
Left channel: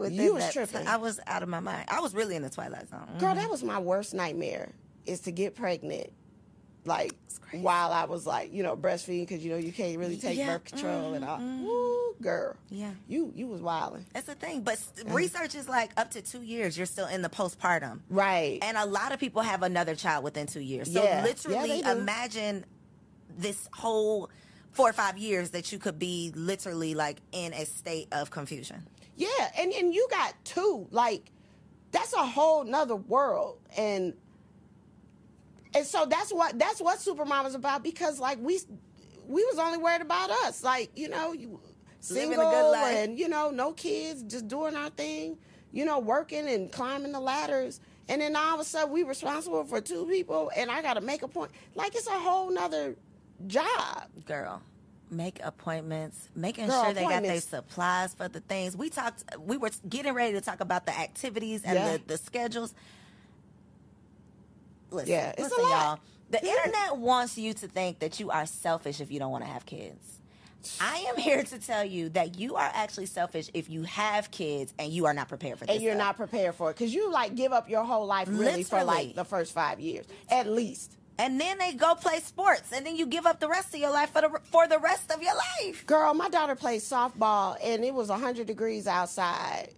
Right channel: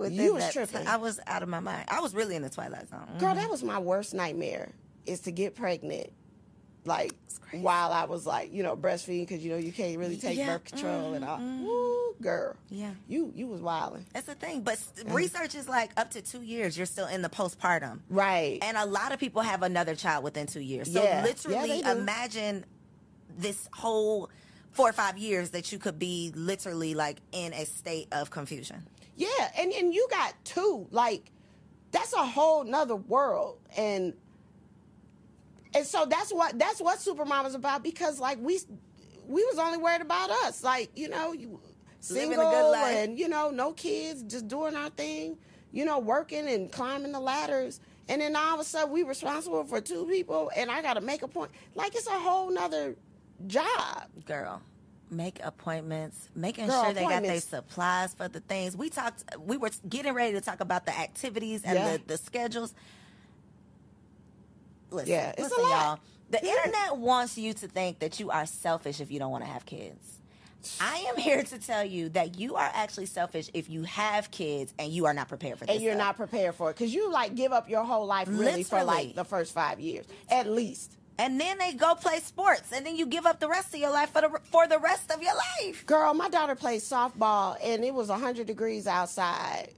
You was tripping. I was out of my mind. I was really in the Twilight Zone. Girl, that was my worst nightmare, is to get pregnant. Like, while I was, like, breastfeeding, because, you can't really take birth control and all. Woo, girl. Yeah. You was wilding. That's the thing. But research is, like, up to 2 years, you're still in the postpartum. Right. And a lot of people have another child within 2 years. So literally imagine this whole 4 or 5 years that you could be literally, like, in a state of confusion. Yeah, and you got 2. Like, that's a whole nother world. And so that's what Supermom is about, because, like, we was only worried about us. Like, single, living a good life. And, no kids, just doing our thing, working and climbing the ladders. And then all of a sudden we responsible for 2 people, and I got to make a point. Like, it's a whole nother job. Girl, make appointments, making sure they got their supplies for the things. We were getting ready to talk about the activities and the schedules. Listen, it's a lot. Y'all. The internet wants you to think that you are selfish if you don't want to have kids. I am here to tell you that you are actually selfish if you have kids and you are not prepared for this. And you're not prepared for it, because you, like, give up your whole life really for, like, the first 5 years at least. And then they go play sports, and then you give up the rest of your life for the rest of your life. Girl, my daughter played softball, and it was 100 degrees outside,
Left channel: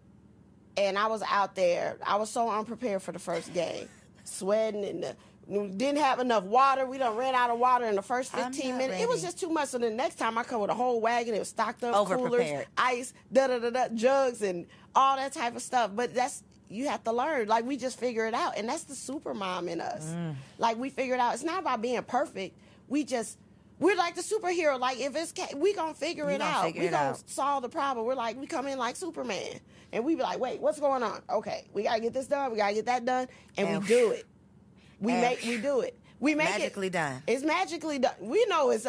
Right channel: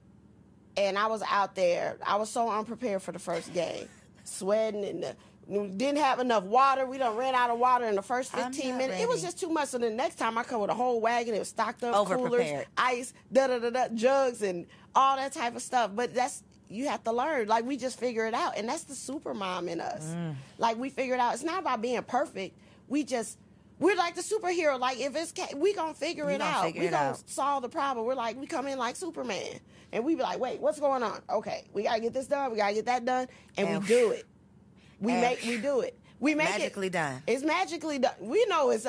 and I was out there. I was so unprepared for the first game, sweating, and didn't have enough water. We done ran out of water in the first 15 minutes. It was just too much. So the next time I come with a whole wagon, it was stocked up, coolers, ice, jugs, and all that type of stuff. But you have to learn. Like, we just figure it out. And that's the super mom in us. Like, we figure it out. It's not about being perfect. We're like the superhero. Like, if we gonna figure it out. We gonna solve the problem. We come in like Superman. And we be like, wait, what's going on? Okay, we gotta get this done. We gotta get that done. And we do it. We do it. We make magically done. It's magically done. We know it's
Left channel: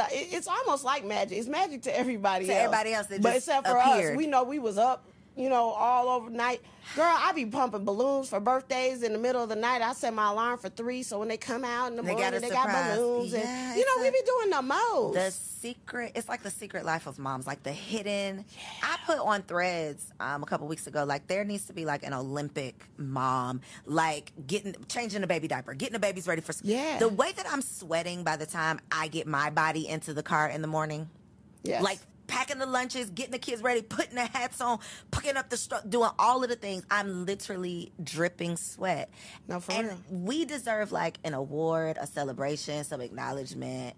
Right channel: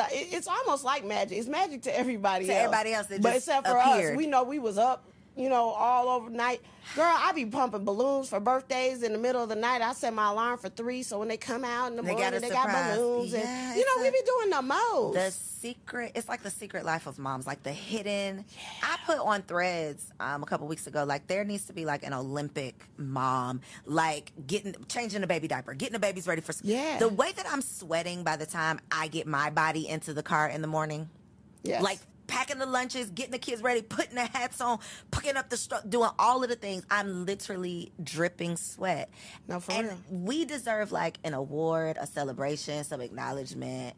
almost like magic. It's magic to everybody else. Everybody else, but except for us, we know we was up, all overnight. Girl, I be pumping balloons for birthdays in the middle of the night. I set my alarm for 3, so when they come out in the morning, they got balloons. And, we be doing the most. It's like the secret life of moms, like the hidden. I put on Threads a couple weeks ago, like, there needs to be, like, an Olympic mom, like, changing the baby diaper, getting the babies ready for school. Yeah. The way that I'm sweating by the time I get my body into the car in the morning, like, packing the lunches, getting the kids ready, putting the hats on, picking up the stuff, doing all of the things. I'm literally dripping sweat. No, for real. We deserve, like, an award, a celebration, some acknowledgement,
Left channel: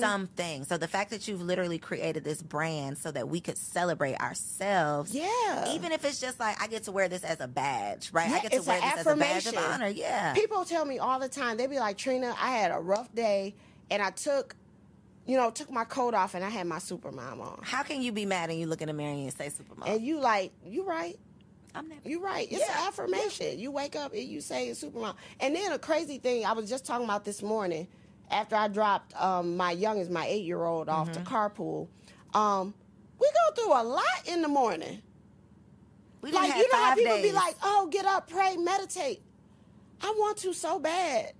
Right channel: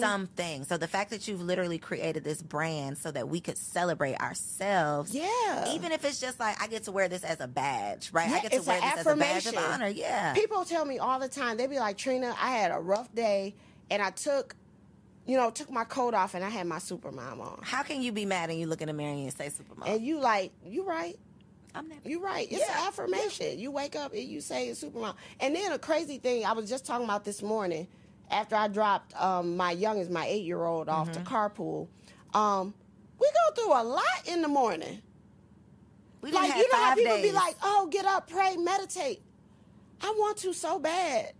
something. So the fact that you've literally created this brand so that we could celebrate ourselves. Yeah. Even if it's just like, I get to wear this as a badge, right? Yeah, I get to wear this as a badge of honor. Yeah. People tell me all the time, they be like, Trina, I had a rough day and I took my coat off and I had my Supermom on. How can you be mad and you look in the mirror and you say Supermom? And you right. You're right. It's an affirmation. Yeah. You wake up and you say it's Supermom. And then a crazy thing I was just talking about this morning, after I dropped my youngest, my 8-year-old, off to carpool. We go through a lot in the morning. We like, you know how people be like, oh, get up, pray, meditate. I want to so bad.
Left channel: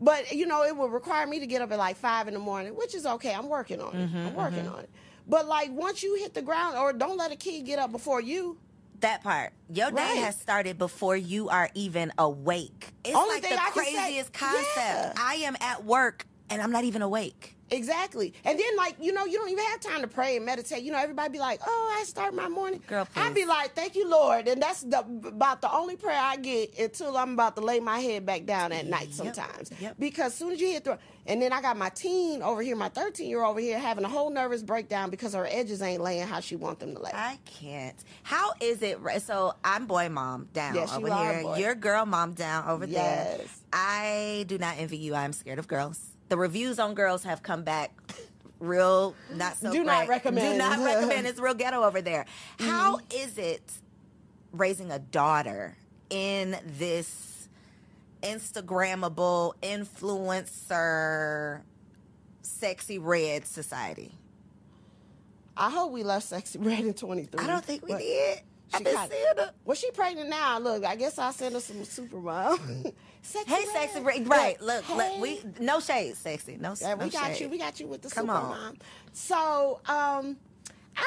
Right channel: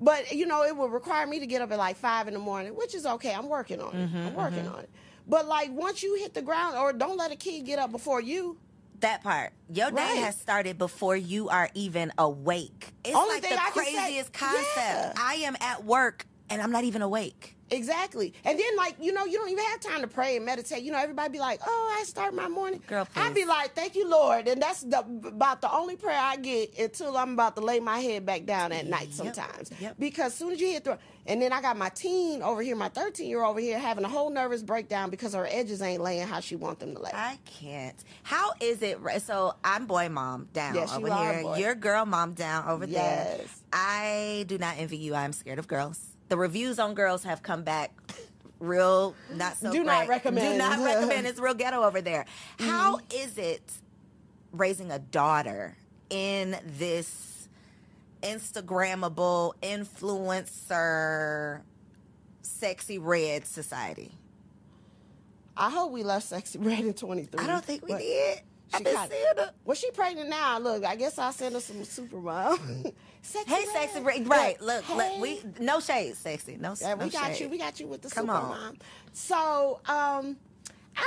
But, it would require me to get up at like 5 in the morning, which is okay. I'm working on it. I'm working on it. But, like, once you hit the ground, or don't let a kid get up before you. That part. Your day has started before you are even awake. It's like the craziest concept. Yeah. I am at work and I'm not even awake. Exactly. And then, like, you know, you don't even have time to pray and meditate. You know, everybody be like, oh, I start my morning. Girl, please. I'd be like, thank you, Lord. And that's about the only prayer I get until I'm about to lay my head back down at night sometimes. Yep. Because as soon as you hit and then I got my teen over here, my 13-year-old over here having a whole nervous breakdown because her edges ain't laying how she want them to lay. I can't. How is it? So I'm boy mom down over here. Boy. You're girl mom down over there. Yes. I do not envy you. I'm scared of girls. The reviews on girls have come back real not so Do great. not recommend. Do not recommend. It's real ghetto over there. How is it raising a daughter in this Instagrammable influencer sexy red society? I hope we left Sexy Red in 23. I don't think we did. Well, she pregnant now. Look, I guess I'll send her some Supermom. Sexy Red. Right. Look, we no shade, sexy. No, yeah, we got shade. We got you with the Come Supermom. on. So, I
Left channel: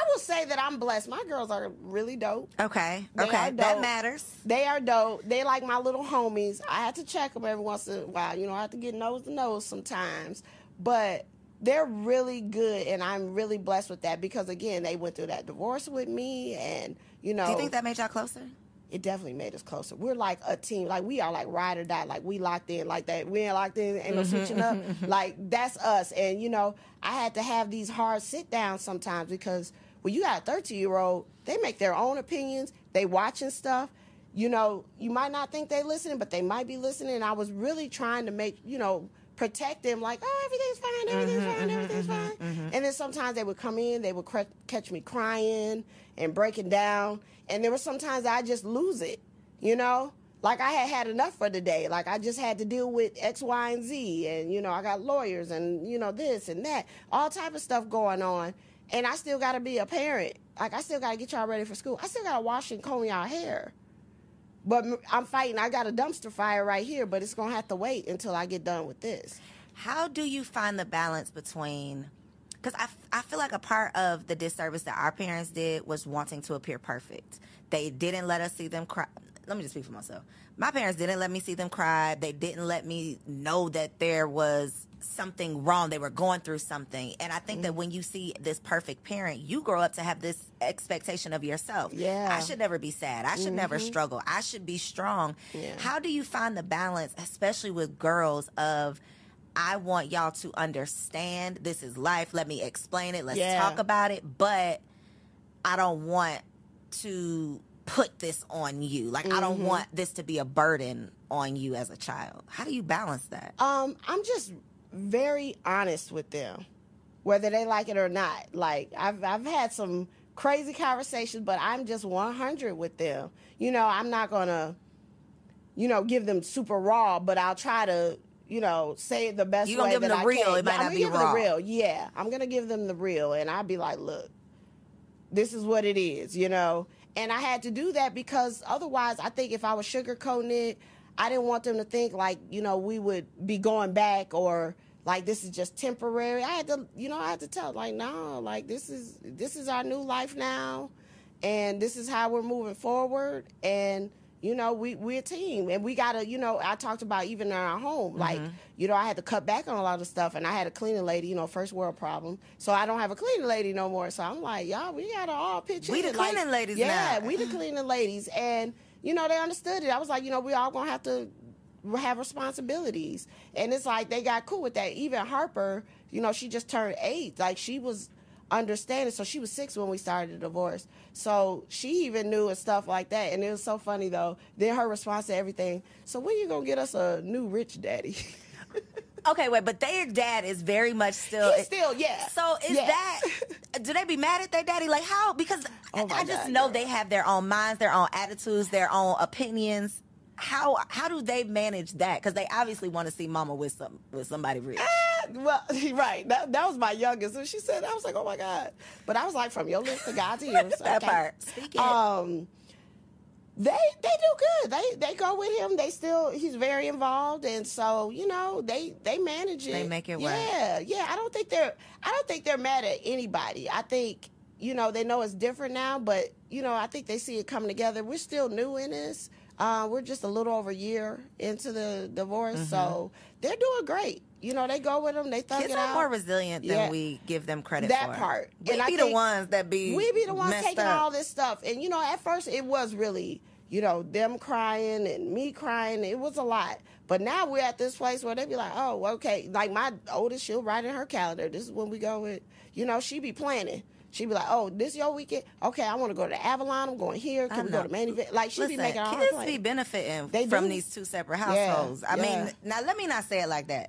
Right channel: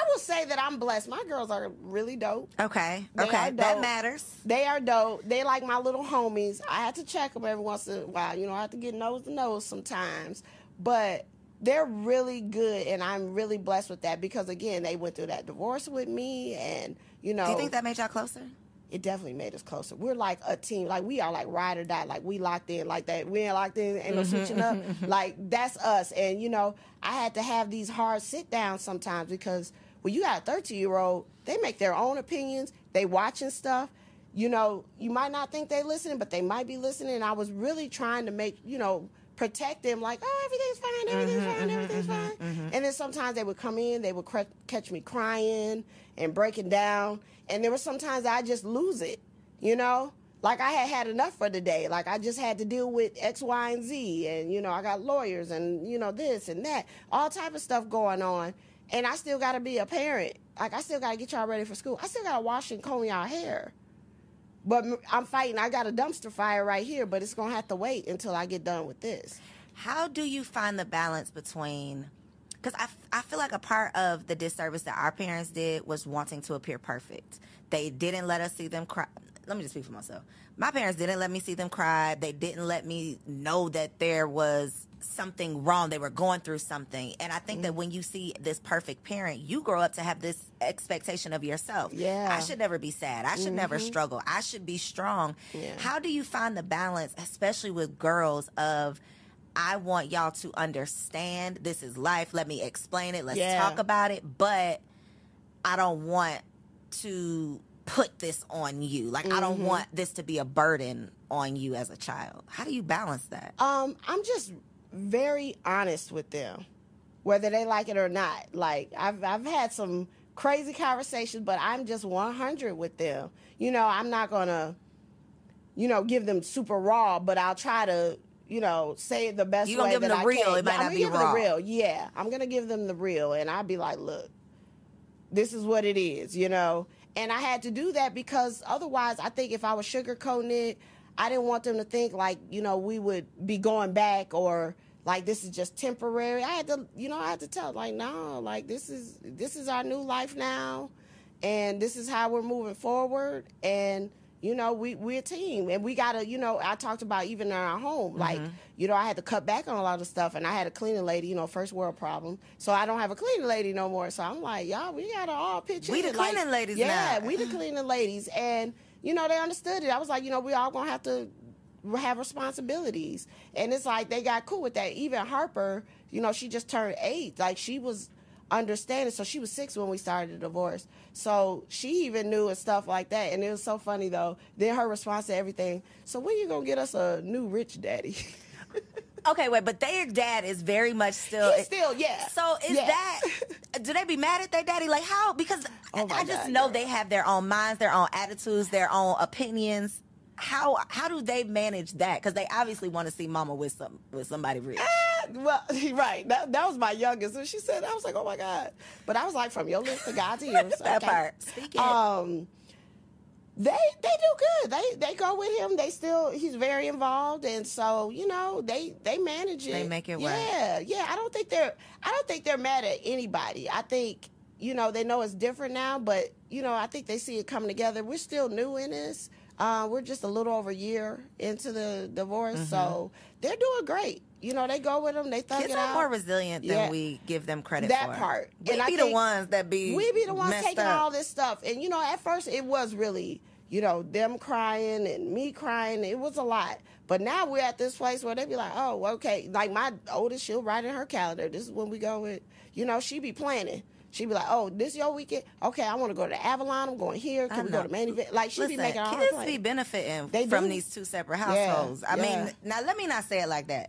will say that I'm blessed. My girls are really dope. Okay. That matters. They are dope. They like my little homies. I have to check them every once in a while. You know, I have to get nose to nose sometimes. But they're really good, and I'm really blessed with that because, again, they went through that divorce with me, and, you know. Do you think that made y'all closer? It definitely made us closer. We're like a team. Like, we are like ride or die. Like, we locked in like that. We ain't locked in, ain't no switching up. Like, that's us. And, you know, I had to have these hard sit-downs sometimes because when you got a 13-year-old, they make their own opinions. They watching stuff. You know, you might not think they listening, but they might be listening. And I was really trying to make, you know, protect them like, oh, everything's fine. And then sometimes they would come in, they would catch me crying and breaking down. And there were sometimes I just lose it, you know? Like, I had enough for the day. Like, I just had to deal with X, Y, and Z. And, you know, I got lawyers and, you know, this and that. All type of stuff going on. And I still got to be a parent. Like, I still got to get y'all ready for school. I still got to wash and comb y'all hair. But I'm fighting. I got a dumpster fire right here, but it's going to have to wait until I get done with this. How do you find the balance between... Because I feel like a part of the disservice that our parents did was wanting to appear perfect. They didn't let us see them cry. Let me just speak for myself. My parents didn't let me see them cry. They didn't let me know that there was something wrong. They were going through something. And I think that when you see this perfect parent, you grow up to have this expectation of yourself. Yeah. I should never be sad. I should never struggle. I should be strong. Yeah. How do you find the balance, especially with girls, of I want y'all to understand this is life. Let me explain it. Let's talk about it. But I don't want to put this on you. Like, I don't want this to be a burden on you as a child. How do you balance that? I'm just very honest with them, whether they like it or not. Like, I've had some crazy conversations, but I'm just 100 with them. You know, I'm not going to, you know, give them super raw, but I'll try to, you know, say it the best way that I can. You gonna give them the real, it might not be raw. I'm gonna give them the real, yeah. I'm gonna give them the real, and I'll be like, look, this is what it is, you know. And I had to do that because otherwise, I think if I was sugarcoating it, I didn't want them to think like, you know, we would be going back or like this is just temporary. I had to, you know, I had to tell like, no, like this is our new life now, and this is how we're moving forward, and you know, we're a team, and we gotta, you know, I talked about even in our home, like, you know, I had to cut back on a lot of stuff, and I had a cleaning lady, you know, first world problem, so I don't have a cleaning lady no more, so I'm like, y'all, we gotta all pitch in. We the cleaning ladies now. Yeah, we the cleaning ladies, and, you know, they understood it. I was like, you know, we all gonna have to have responsibilities, and it's like, they got cool with that. Even Harper, you know, she just turned 8, like, she was understanding, so she was 6 when we started the divorce, so she even knew and stuff like that. And it was so funny though, then her response to everything, so when you gonna get us a new rich daddy? Okay, wait, but their dad is very much still... He's still, yeah. So is that... Do they be mad at their daddy? Like, how? Because I just know they have their own minds, their own attitudes, their own opinions. How do they manage that? Because they obviously want to see mama with somebody rich. Well, right. That was my youngest. And she said, I was like, oh my God. But I was like, from your lips to God's ears. That part. They do good. They go with him. He's very involved, and so, you know, they manage it. They make it work. Yeah. I don't think they're mad at anybody. I think, you know, they know it's different now, but, you know, I think they see it coming together. We're still new in this. We're just a little over a year into the divorce, so they're doing great. You know, they go with them, they thug Kids it are out. more resilient than we give them credit for. That part. We be the ones that be taking all this stuff. And, you know, at first it was really, you know, them crying and me crying. It was a lot. But now we're at this place where they be like, oh, okay. Like my oldest, she'll write in her calendar. This is when we go with, you know, she be planning. She be like, oh, this your weekend? Okay, I want to go to Avalon. I'm going here. Can we go to main event? Like, she be making all her plans. Kids be benefiting from these two separate households. I mean, now let me not say it like that.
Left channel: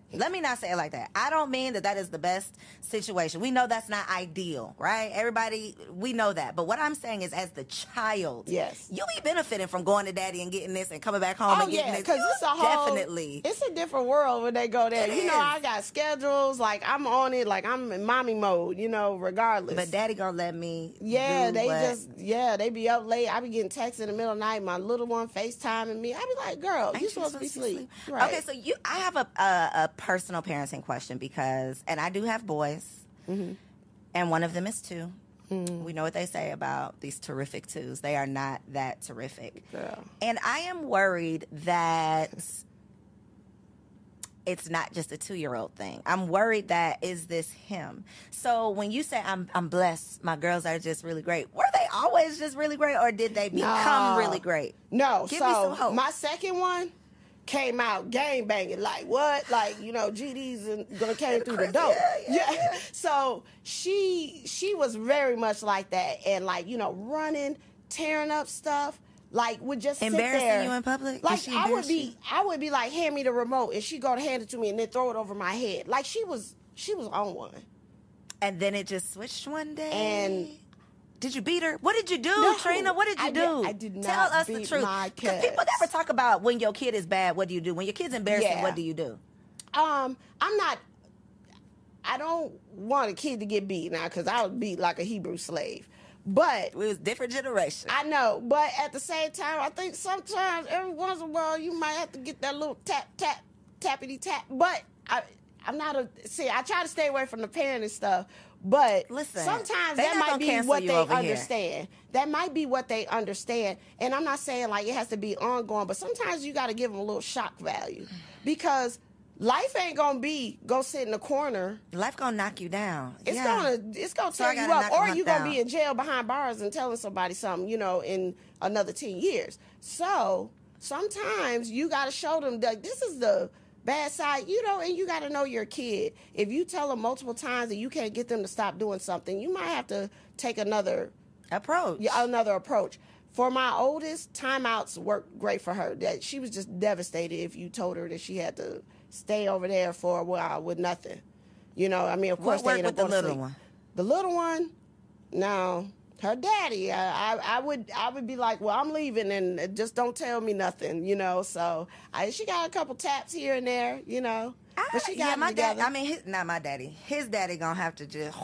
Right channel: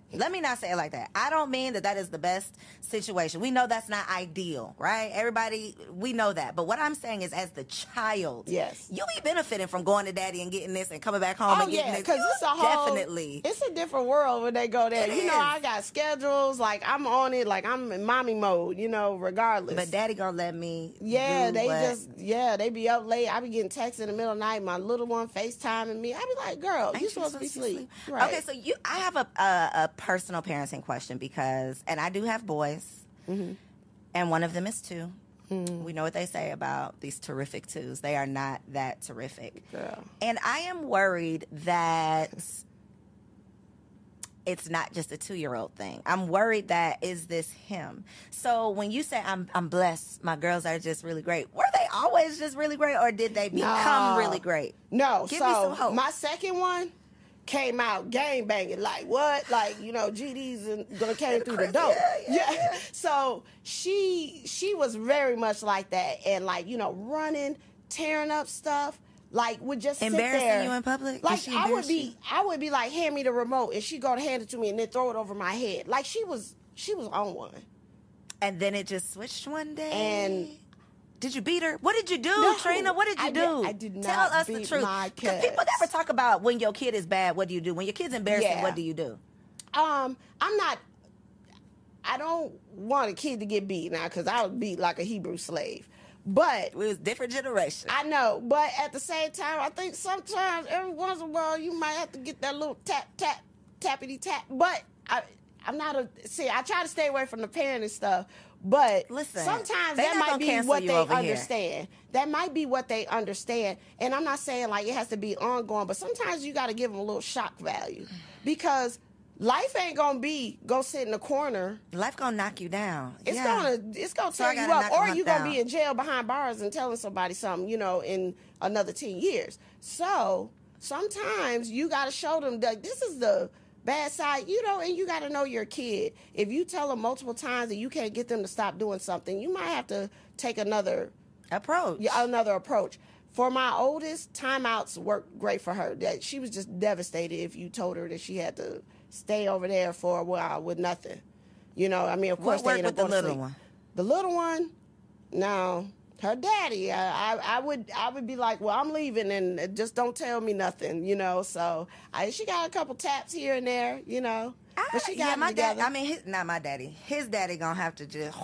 I don't mean that is the best situation. We know that's not ideal, right? Everybody, we know that. But what I'm saying is, as the child, you be benefiting from going to daddy and getting this and coming back home and getting this. Because it's a different world when they go there. You know, I got schedules. Like, I'm on it. Like, I'm in mommy mode, you know, regardless. But daddy gonna let me they be up late. I be getting texts in the middle of the night. My little one FaceTiming me. I be like, girl, you supposed to be asleep. Right. Okay, so I have a personal parenting question because, and I do have boys, and one of them is 2. We know what they say about these terrific 2s. They are not that terrific. Girl. And I am worried that it's not just a 2-year-old thing. I'm worried that, is this him? So when you say I'm blessed, my girls are just really great, were they always just really great, or did they become really great? No. Give me some hope. My second one came out gang banging. Like, what? Like, you know, GD's gonna came through the door. Yeah. So she was very much like that, and like, you know, running, tearing up stuff. Like, would just sit embarrassing there. You in public? Like, I would be like, hand me the remote, and she go to hand it to me, and then throw it over my head. Like, she was on one. And then it just switched one day. And did you beat her? What did you do, Trina? What did you do? I did not. Tell us beat the truth. My Because people never talk about when your kid is bad. What do you do? When your kid's embarrassing, what do you do? I don't want a kid to get beat now, because I would beat like a Hebrew slave. But it was different generation. I know, but at the same time, I think sometimes every once in a while you might have to get that little tappity tap. But I'm not I try to stay away from the parenting stuff. But listen, sometimes that might be what they understand. That might be what they understand. And I'm not saying like it has to be ongoing, but sometimes you got to give them a little shock value, because life ain't gonna be go sit in the corner. Life gonna knock you down. It's gonna tear you up, or you gonna be in jail behind bars and telling somebody something, you know, in another 10 years. So sometimes you gotta show them that this is the bad side, you know, and you gotta know your kid. If you tell them multiple times that you can't get them to stop doing something, you might have to take another approach. For my oldest, timeouts worked great for her. That she was just devastated if you told her that she had to stay over there for a while with nothing. You know, I mean, of course, what worked with the little one? The little one, no, her daddy. I would be like, well, I'm leaving, and just don't tell me nothing, you know. So she got a couple taps here and there, you know. But she got my dad. I mean, not my daddy. His daddy gonna have to just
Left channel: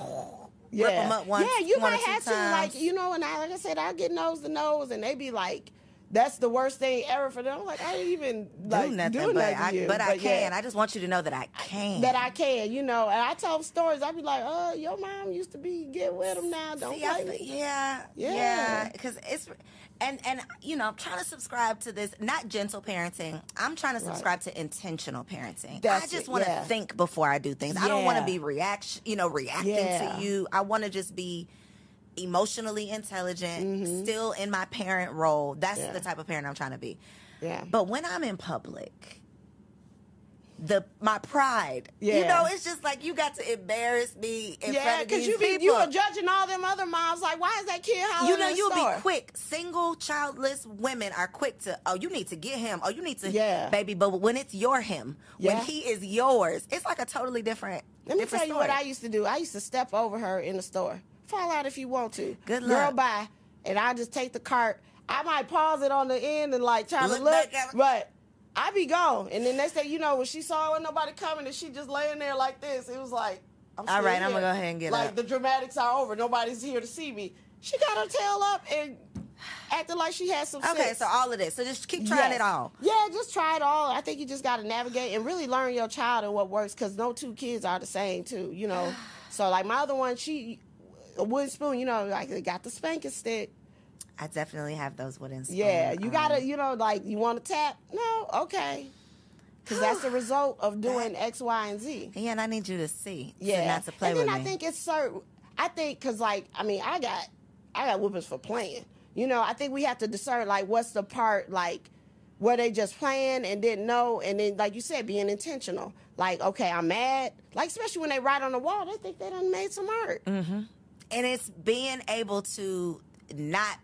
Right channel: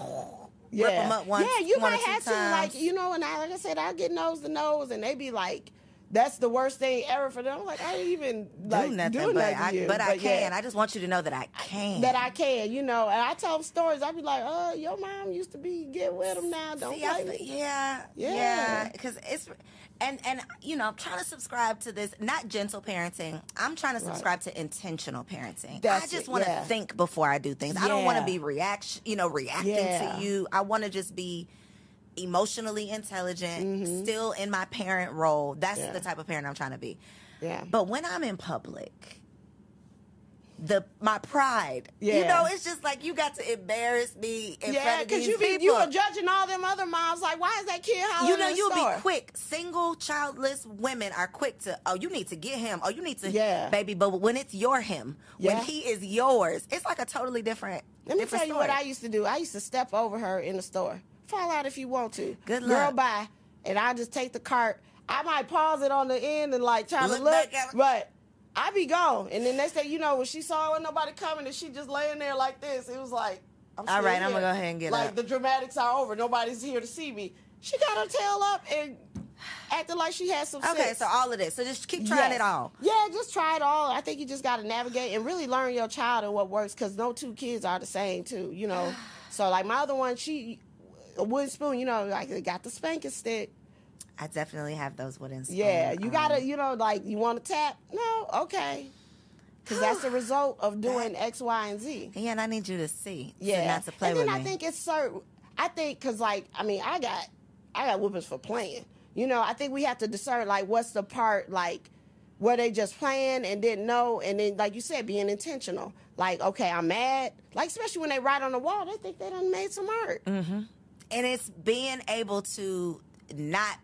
rip him up once. Yeah, you might have to, like, you know. And like I said, I get nose to nose, and they be like, that's the worst thing ever for them. I'm like, I don't even do nothing, but I can. I just want you to know that I can. That I can, you know. And I tell them stories. I be like, oh, your mom used to be get with them now. Don't yeah. Because it's and you know, I'm trying to subscribe to this, not gentle parenting. I'm trying to subscribe to intentional parenting. I just want to think before I do things. I don't want to be reacting to you. I want to just be emotionally intelligent, still in my parent role. That's the type of parent I'm trying to be. Yeah. But when I'm in public, my pride, you know, it's just like you got to embarrass me in front of these people. You are judging all them other moms. Like, why is that kid hollering? You know, you'll be quick. Single, childless women are quick to, oh, you need to get him. Oh, you need to, baby. But when it's your him, when he is yours, it's like a totally different. Let me tell you what I used to do. I used to step over her in the store. Fall out if you want to. Good luck. Girl, bye. And I just take the cart. I might pause it on the end and like try to look, but I be gone. And then next thing you know, when she saw nobody coming and she just laying there like this, it was like, all right, I'm gonna go ahead and get like up. The dramatics are over. Nobody's here to see me. She got her tail up and acting like she had some sense. Okay, so all of this. So just keep trying it all. Yeah, just try it all. I think you just got to navigate and really learn your child and what works, because no two kids are the same too, you know. So like my other one, a wooden spoon, you know, like they got the spanking stick. I definitely have those wooden spoons. Yeah, you gotta, you know, like, you want to tap? No, okay. Because that's the result of doing X, Y, and Z. Yeah, and I need you to see. Yeah, not to play with me. And then I think it's certain. I think because, like, I mean, I got whoopings for playing. You know, I think we have to discern, like, what's the part, like, where they just playing and didn't know, and then, like you said, being intentional. Like, okay, I'm mad. Like, especially when they write on the wall, they think they done made some art. Mm-hmm. And it's being able to not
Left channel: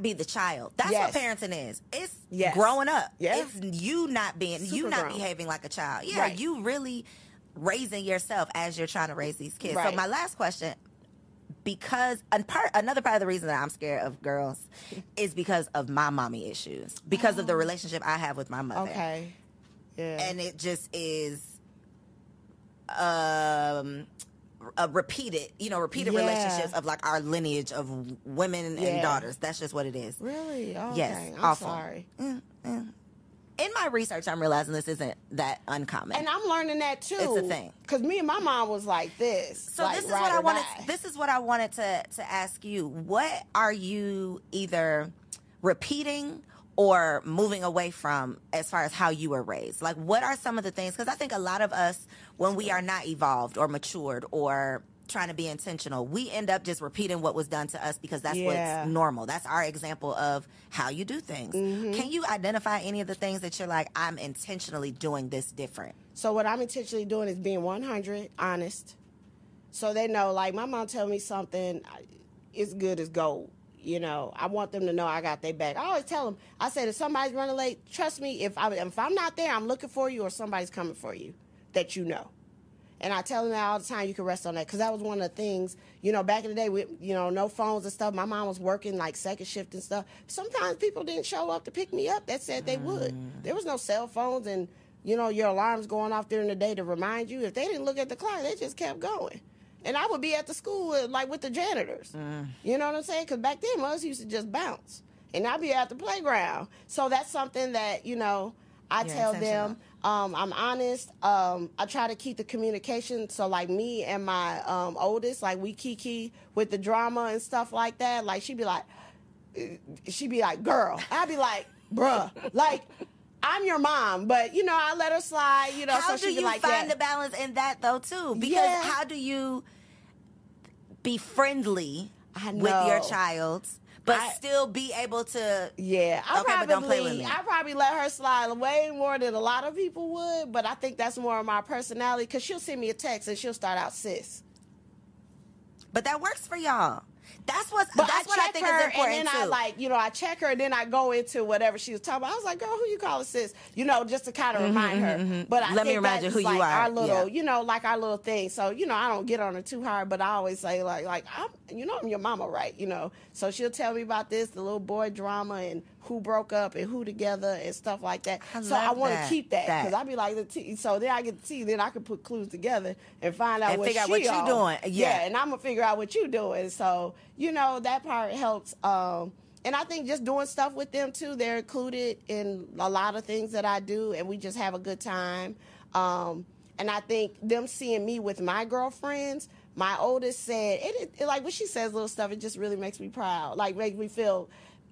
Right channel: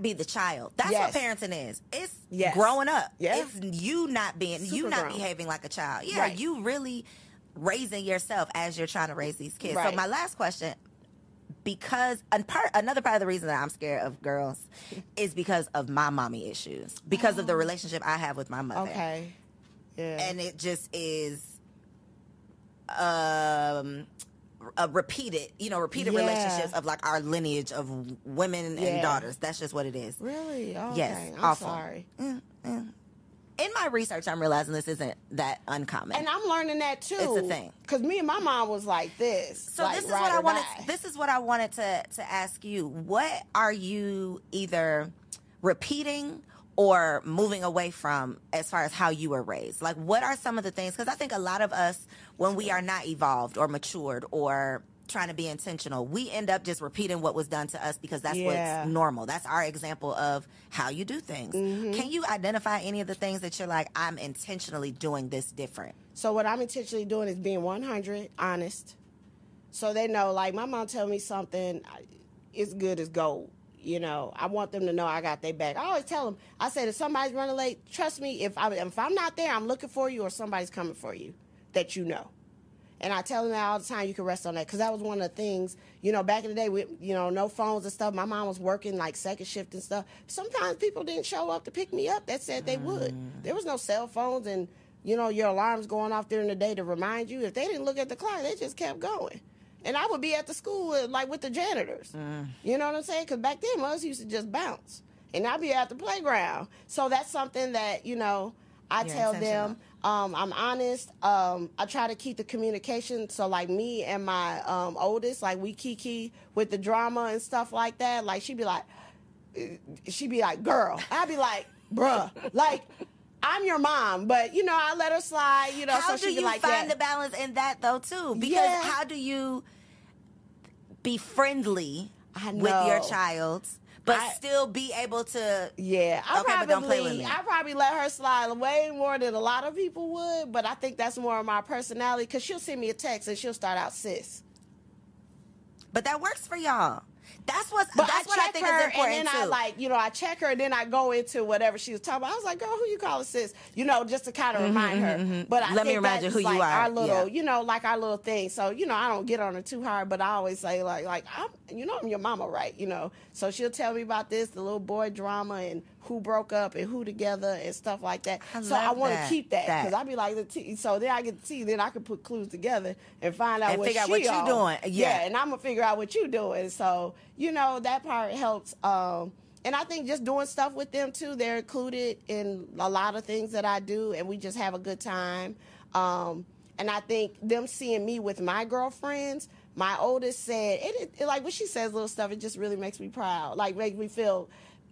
be the child. That's what parenting is. It's growing up. Yeah. It's you not behaving like a child. Yeah, right. You really raising yourself as you're trying to raise these kids. Right. So my last question, because another part of the reason that I'm scared of girls is because of my mommy issues, because of the relationship I have with my mother. Okay. Yeah. And it just is repeated relationships of like our lineage of women and daughters. That's just what it is. Really? Okay. Yes. I'm sorry. In my research, I'm realizing this isn't that uncommon, and I'm learning that too. It's a thing because me and my mom was like this. So like, this is what I wanted. This is what I wanted to ask you. What are you either repeating or moving away from as far as how you were raised? Like, what are some of the things? Because I think a lot of us, when we are not evolved or matured or trying to be intentional, we end up just repeating what was done to us because that's what's normal. That's our example of how you do things. Mm-hmm. Can you identify any of the things that you're like, I'm intentionally doing this different? So what I'm intentionally doing is being 100 honest. So they know, like, my mom tell me something, it's good as gold. You know, I want them to know I got their back. I always tell them, I said, if somebody's running late, trust me, if I'm not there, I'm looking for you or somebody's coming for you that you know. And I tell them that all the time, you can rest on that. Because that was one of the things, you know, back in the day, with, you know, no phones and stuff. My mom was working, like, second shift and stuff. Sometimes people didn't show up to pick me up that said they would. There was no cell phones and, you know, your alarms going off during the day to remind you. If they didn't look at the clock, they just kept going. And I would be at the school, with the janitors. You know what I'm saying? Because back then, us used to just bounce. And I'd be at the playground. So that's something that, you know, I tell them. I'm honest. I try to keep the communication. So, like, me and my oldest, like, we kiki with the drama and stuff like that. Like, she'd be like, girl. I'd be like, bruh. Like, I'm your mom, but, you know, I let her slide, you know. How so do you find the balance in that, though, too? Because how do you be friendly with your child, but still be able to... Yeah, I probably let her slide way more than a lot of people would, but I think that's more of my personality, because she'll send me a text and she'll start out, sis. But that works for y'all. That's what I think is important, and then too. I check her, and then I go into whatever she was talking about. I was like, girl, who you calling sis? You know, just to kind of remind her. But let me remind you who you are. Our little, you know, like our little thing. So, you know, I don't get on her too hard, but I always say, I'm your mama, right? You know, so she'll tell me about this, the little boy drama, and who broke up and who together and stuff like that. I want to keep that, because I be like, so then I get to see, then I can put clues together and find out what you're doing. Yeah, and I'm going to figure out what you're doing. So, you know, that part helps. And I think just doing stuff with them, too, they're included in a lot of things that I do, and we just have a good time. And I think them seeing me with my girlfriends, my oldest said, like when she says little stuff, it just really makes me proud. Like, makes me feel...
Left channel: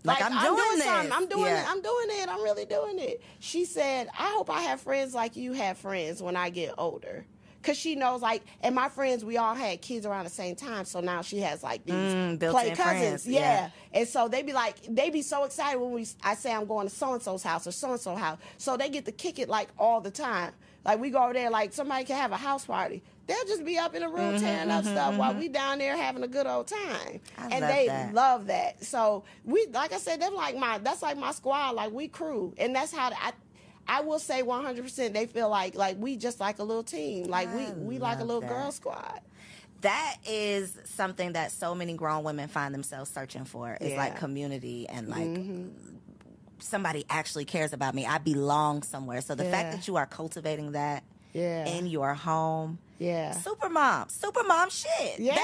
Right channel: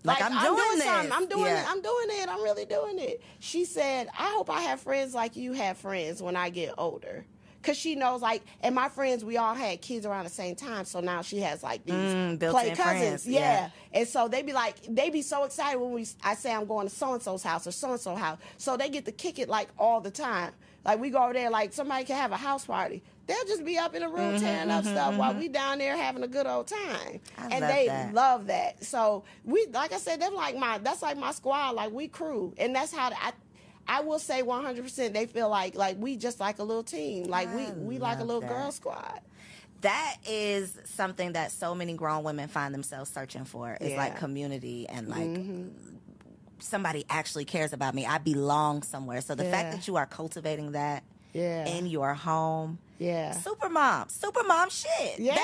Like, I'm doing this. I'm doing it. I'm doing it. I'm really doing it. She said, I hope I have friends like you have friends when I get older. Because she knows, like, and my friends, we all had kids around the same time. So now she has, like, these play cousins. Yeah. And so they be so excited when I say I'm going to so-and-so's house or so-and-so house. So they get to kick it, like, all the time. Like, we go over there, like, somebody can have a house party. They'll just be up in a room tearing up stuff while we down there having a good old time. And they love that. So, like I said, that's like my squad. Like, we crew. And that's how I will say 100% they feel like we just like a little team. Like, we like a little girl squad. That is something that so many grown women find themselves searching for, is like community and like somebody actually cares about me. I belong somewhere. So the fact that you are cultivating that in your home. Yeah. Supermom shit. Yeah.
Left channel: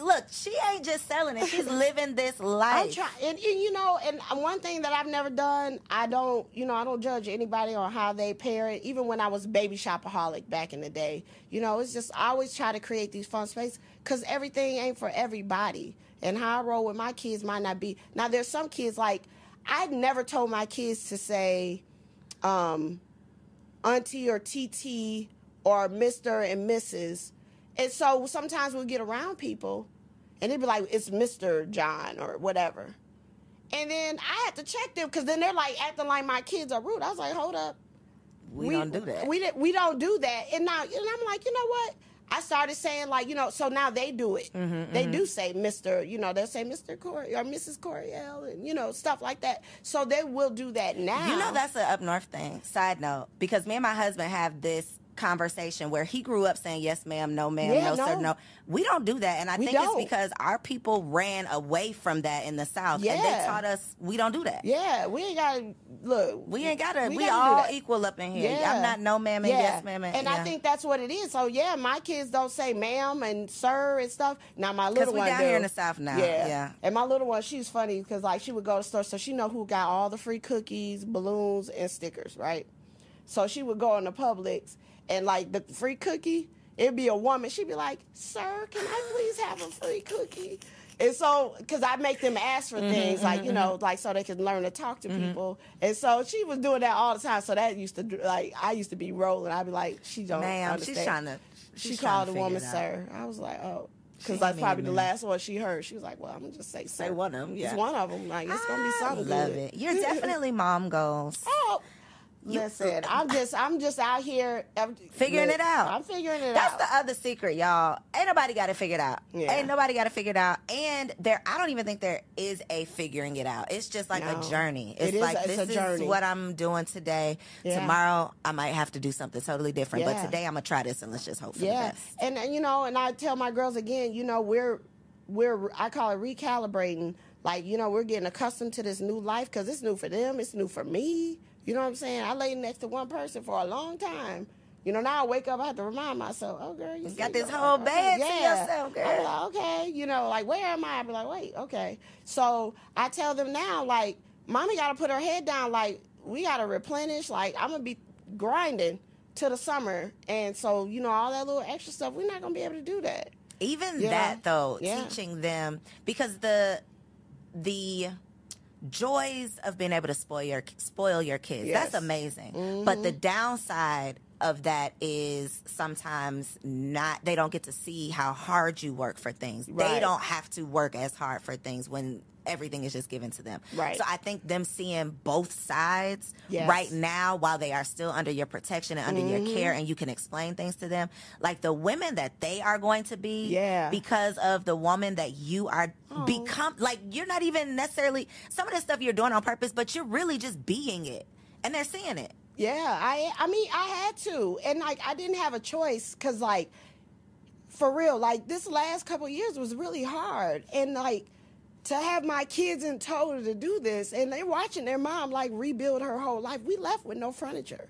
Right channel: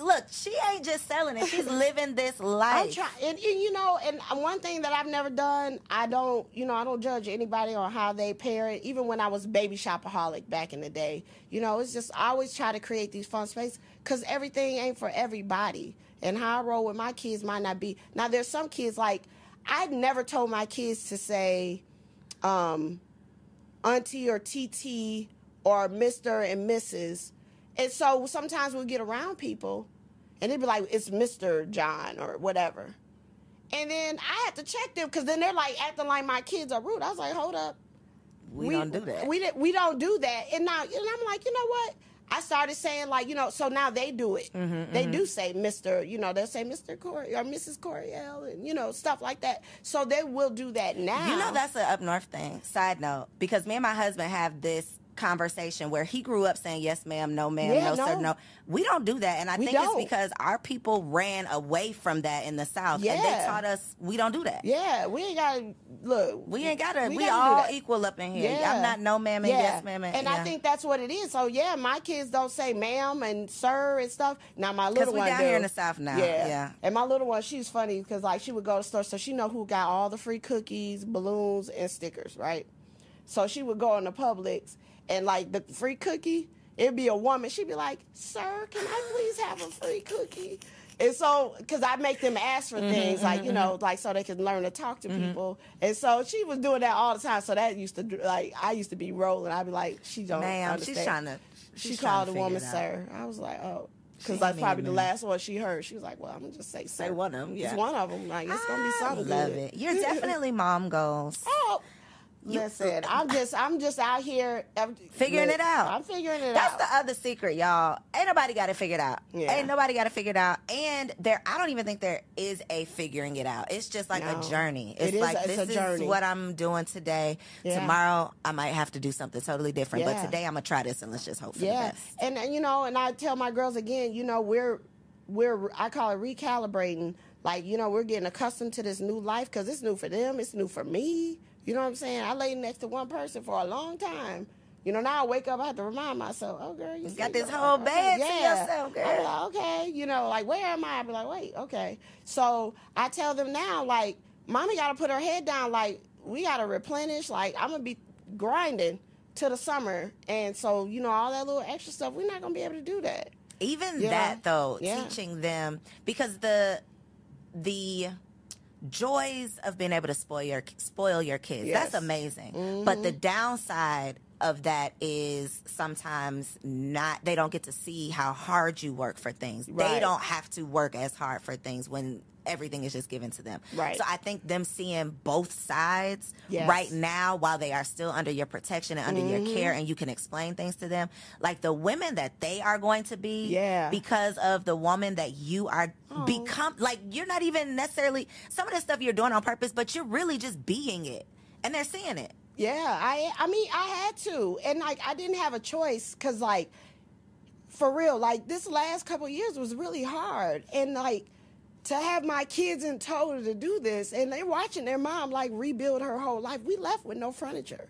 Look, she ain't just selling it. She's living this life. I'm trying, and you know, and one thing that I've never done, I don't judge anybody on how they parent. Even when I was baby shopaholic back in the day, you know, it's just, I always try to create these fun spaces because everything ain't for everybody. And how I roll with my kids might not be. Now, there's some kids, like, I never told my kids to say, auntie or TT or Mr. and Mrs. And so sometimes we'll get around people and they'd be like, it's Mr. John or whatever. And then I have to check them because then they're like acting like my kids are rude. I was like, hold up. We don't do that. We don't do that. And now, and I'm like, you know what? I started saying, like, you know, so now they do it. They do say Mr., you know, they'll say Mr. Corey or Mrs. Coriel and, you know, stuff like that. So they will do that now. You know, that's an up north thing. Side note, because me and my husband have this conversation where he grew up saying yes ma'am, no ma'am, no sir, no. We don't do that, and I think it's because our people ran away from that in the South, and they taught us we don't do that. Yeah, we ain't gotta look. We all equal up in here. I'm not no ma'am and yes ma'am, and I think that's what it is. So yeah, my kids don't say ma'am and sir and stuff. Now my little one down here in the South now. Yeah, and my little one, she's funny because like she would go to the store, so she know who got all the free cookies, balloons, and stickers, right? So she would go in the Publix. And, like, the free cookie, it'd be a woman. She'd be like, sir, can I please have a free cookie? And so, because I make them ask for things, like, you know, like, so they can learn to talk to people. And so she was doing that all the time. So that used to, like, I used to be rolling. I'd be like, she don't understand. She called the woman sir. I was like, oh. Because that's probably the last one she heard. She was like, well, I'm going to just say sir. Say one of them, yeah. It's one of them. Like, it's going to be something love it. You're definitely mom goals. Oh. Listen, I'm just out here figuring it out. I'm figuring it out. That's the other secret, y'all. Ain't nobody got it figured out. Yeah. Ain't nobody got it figured out. And I don't even think there is a figuring it out. It's just like a journey. It's this is what I'm doing today. Yeah. Tomorrow, I might have to do something totally different. Yeah. But today, I'm gonna try this and let's just hope for the best. And you know, and I tell my girls again, you know, I call it recalibrating. Like, you know, we're getting accustomed to this new life because it's new for them. It's new for me. You know what I'm saying? I lay next to one person for a long time. You know, now I wake up, I have to remind myself, oh, girl, you got this whole band to yourself, girl. I'm like, okay. You know, like, where am I? I be like, wait, okay. So I tell them now, like, mommy got to put her head down. Like, we got to replenish. Like, I'm going to be grinding to the summer. And so, you know, all that little extra stuff, we're not going to be able to do that. Even that, though, teaching them, because the joys of being able to spoil your kids, that's amazing. But the downside of that is sometimes they don't get to see how hard you work for things. They don't have to work as hard for things when everything is just given to them. So I think them seeing both sides right now while they are still under your protection and under your care, and you can explain things to them, like the women that they are going to be because of the woman that you are become. Like, you're not even necessarily some of the stuff you're doing on purpose, but you're really just being it, and they're seeing it. Yeah, I mean, I had to, and like I didn't have a choice because, like, for real, like this last couple of years was really hard, and like to have my kids in tow to do this, and they're watching their mom like rebuild her whole life. We left with no furniture.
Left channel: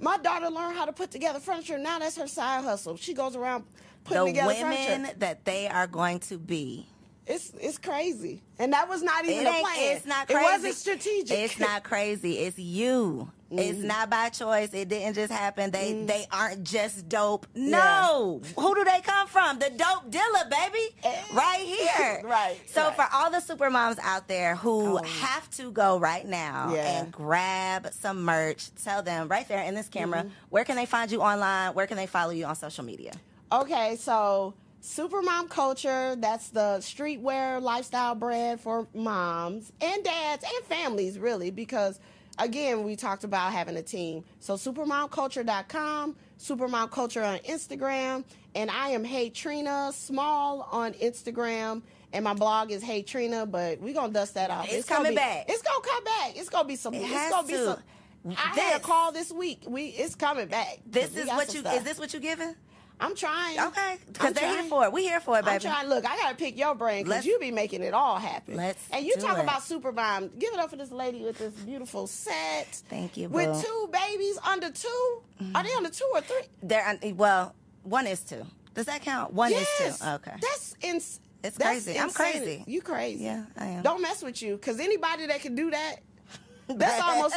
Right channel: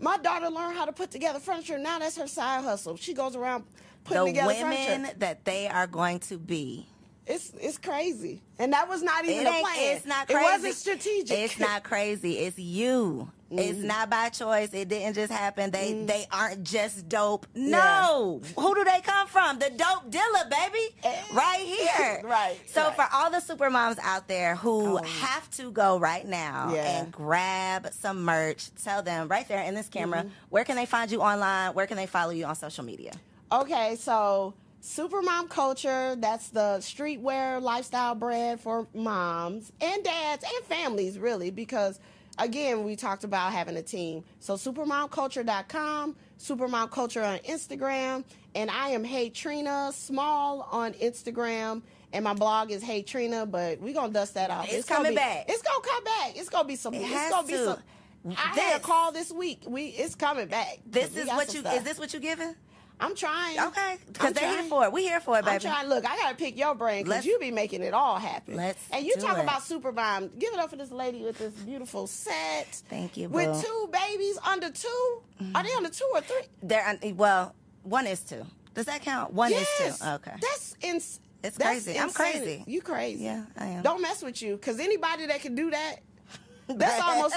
My daughter learned how to put together furniture. Now that's her side hustle. She goes around putting together furniture. The women that they are going to be. It's crazy, and that was not even a plan. It's not crazy. It wasn't strategic. It's not crazy. It's you. It's not by choice. It didn't just happen. They aren't just dope. No. Who do they come from? The dope dealer, baby. Right here. So for all the supermoms out there who have to go right now and grab some merch, tell them right there in this camera, where can they find you online? Where can they follow you on social media? Okay, so Supermom Culture, that's the streetwear lifestyle brand for moms and dads and families, really, because, again, we talked about having a team. So supermomculture.com, Supermom Culture on Instagram, and I am Hey Trina Small on Instagram, and my blog is Hey Trina, but we're going to dust that off. It's coming back. It's going to come back. It's going to be some. I had a call this week. It's coming back. Is this what you giving? I'm trying. Okay, because they're here for it. We here for it, baby. I'm trying. Look, I gotta pick your brain because you be making it all happen. And you talk about Supermom. Give it up for this lady with this beautiful set. Thank you, boo. With 2 babies under 2. Are they under 2 or 3? Well, 1 is 2. Does that count? 1 is 2. Okay. It's crazy. I'm crazy. You crazy. Yeah, I am. Don't mess with you, because anybody that can do that, that's almost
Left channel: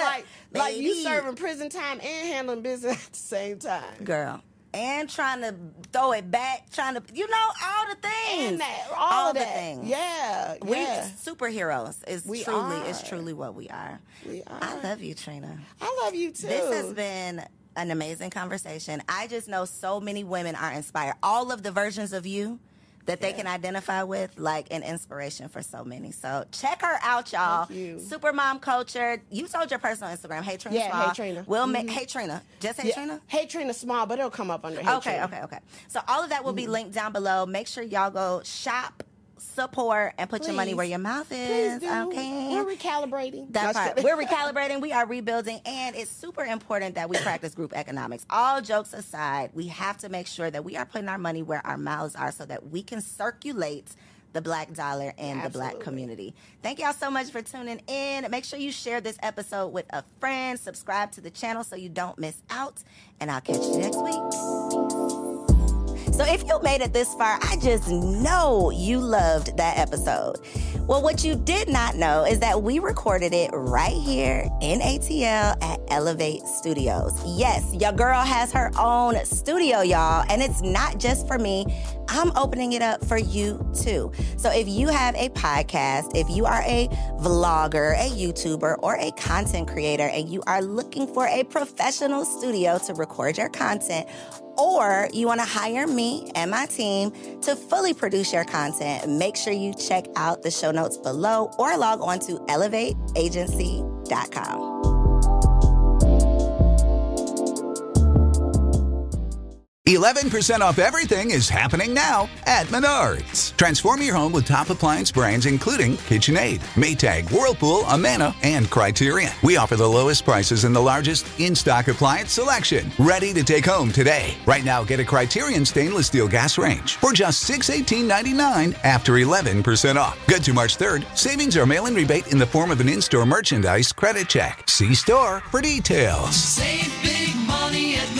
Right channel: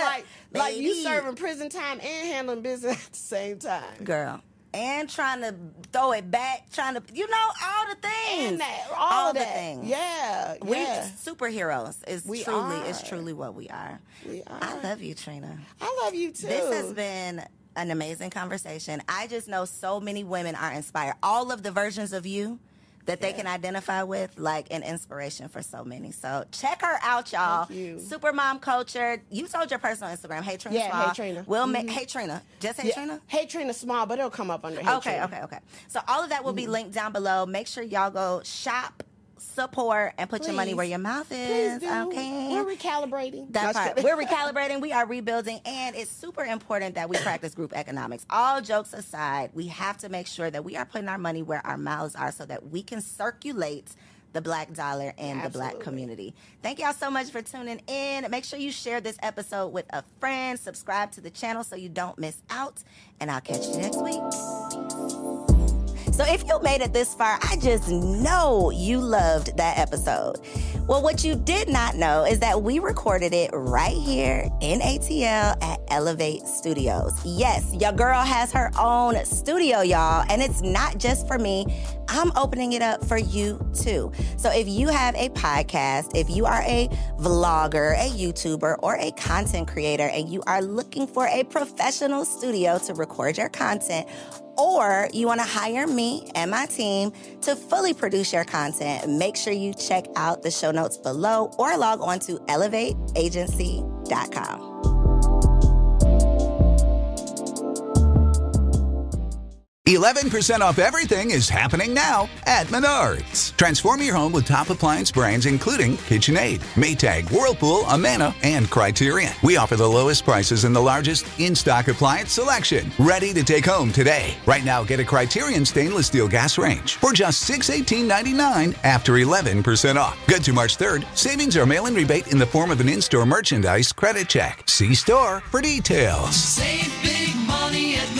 like you serving prison time and handling business at the same time. Girl. And trying to throw it back, all the things. All the that. things. Yeah. We superheroes. It's truly what we are. We are. I love you, Trina. I love you too. This has been an amazing conversation. I just know so many women are inspired. All of the versions of you that they can identify with, like an inspiration for so many. So check her out, y'all. Supermom Culture. You told your personal Instagram, Hey Trina Small. Hey Trina. Hey Trina. Just Hey Trina? Hey Trina Small, but it'll come up under Hey Trina. Okay. So all of that will be linked down below. Make sure y'all go shop, support, and put your money where your mouth is. Okay. We're recalibrating. That part. We're recalibrating. We are rebuilding. And it's super important that we practice group economics. All jokes aside, we have to make sure that we are putting our money where our mouths are so that we can circulate the Black dollar and the Black community. Thank y'all so much for tuning in. Make sure you share this episode with a friend. Subscribe to the channel so you don't miss out. And I'll catch you next week. So if you made it this far, I just know you loved that episode. Well, what you did not know is that we recorded it right here in ATL at Elevate Studios. Yes, your girl has her own studio, y'all, and it's not just for me. I'm opening it up for you too. So if you have a podcast, if you are a vlogger, a YouTuber, or a content creator, and you are looking for a professional studio to record your content, or you want to hire me and my team to fully produce your content, make sure you check out the show notes below or log on to elevateagency.com. 11% off everything is happening now at Menards. Transform your home with top appliance brands including KitchenAid, Maytag, Whirlpool, Amana, and Criterion. We offer the lowest prices and the largest in-stock appliance selection. Ready to take home today. Right now, get a Criterion stainless steel gas range for just $618.99 after 11% off. Good to March 3rd. Savings or mail-in rebate in the form of an in-store merchandise credit check. See store for details. Save big money at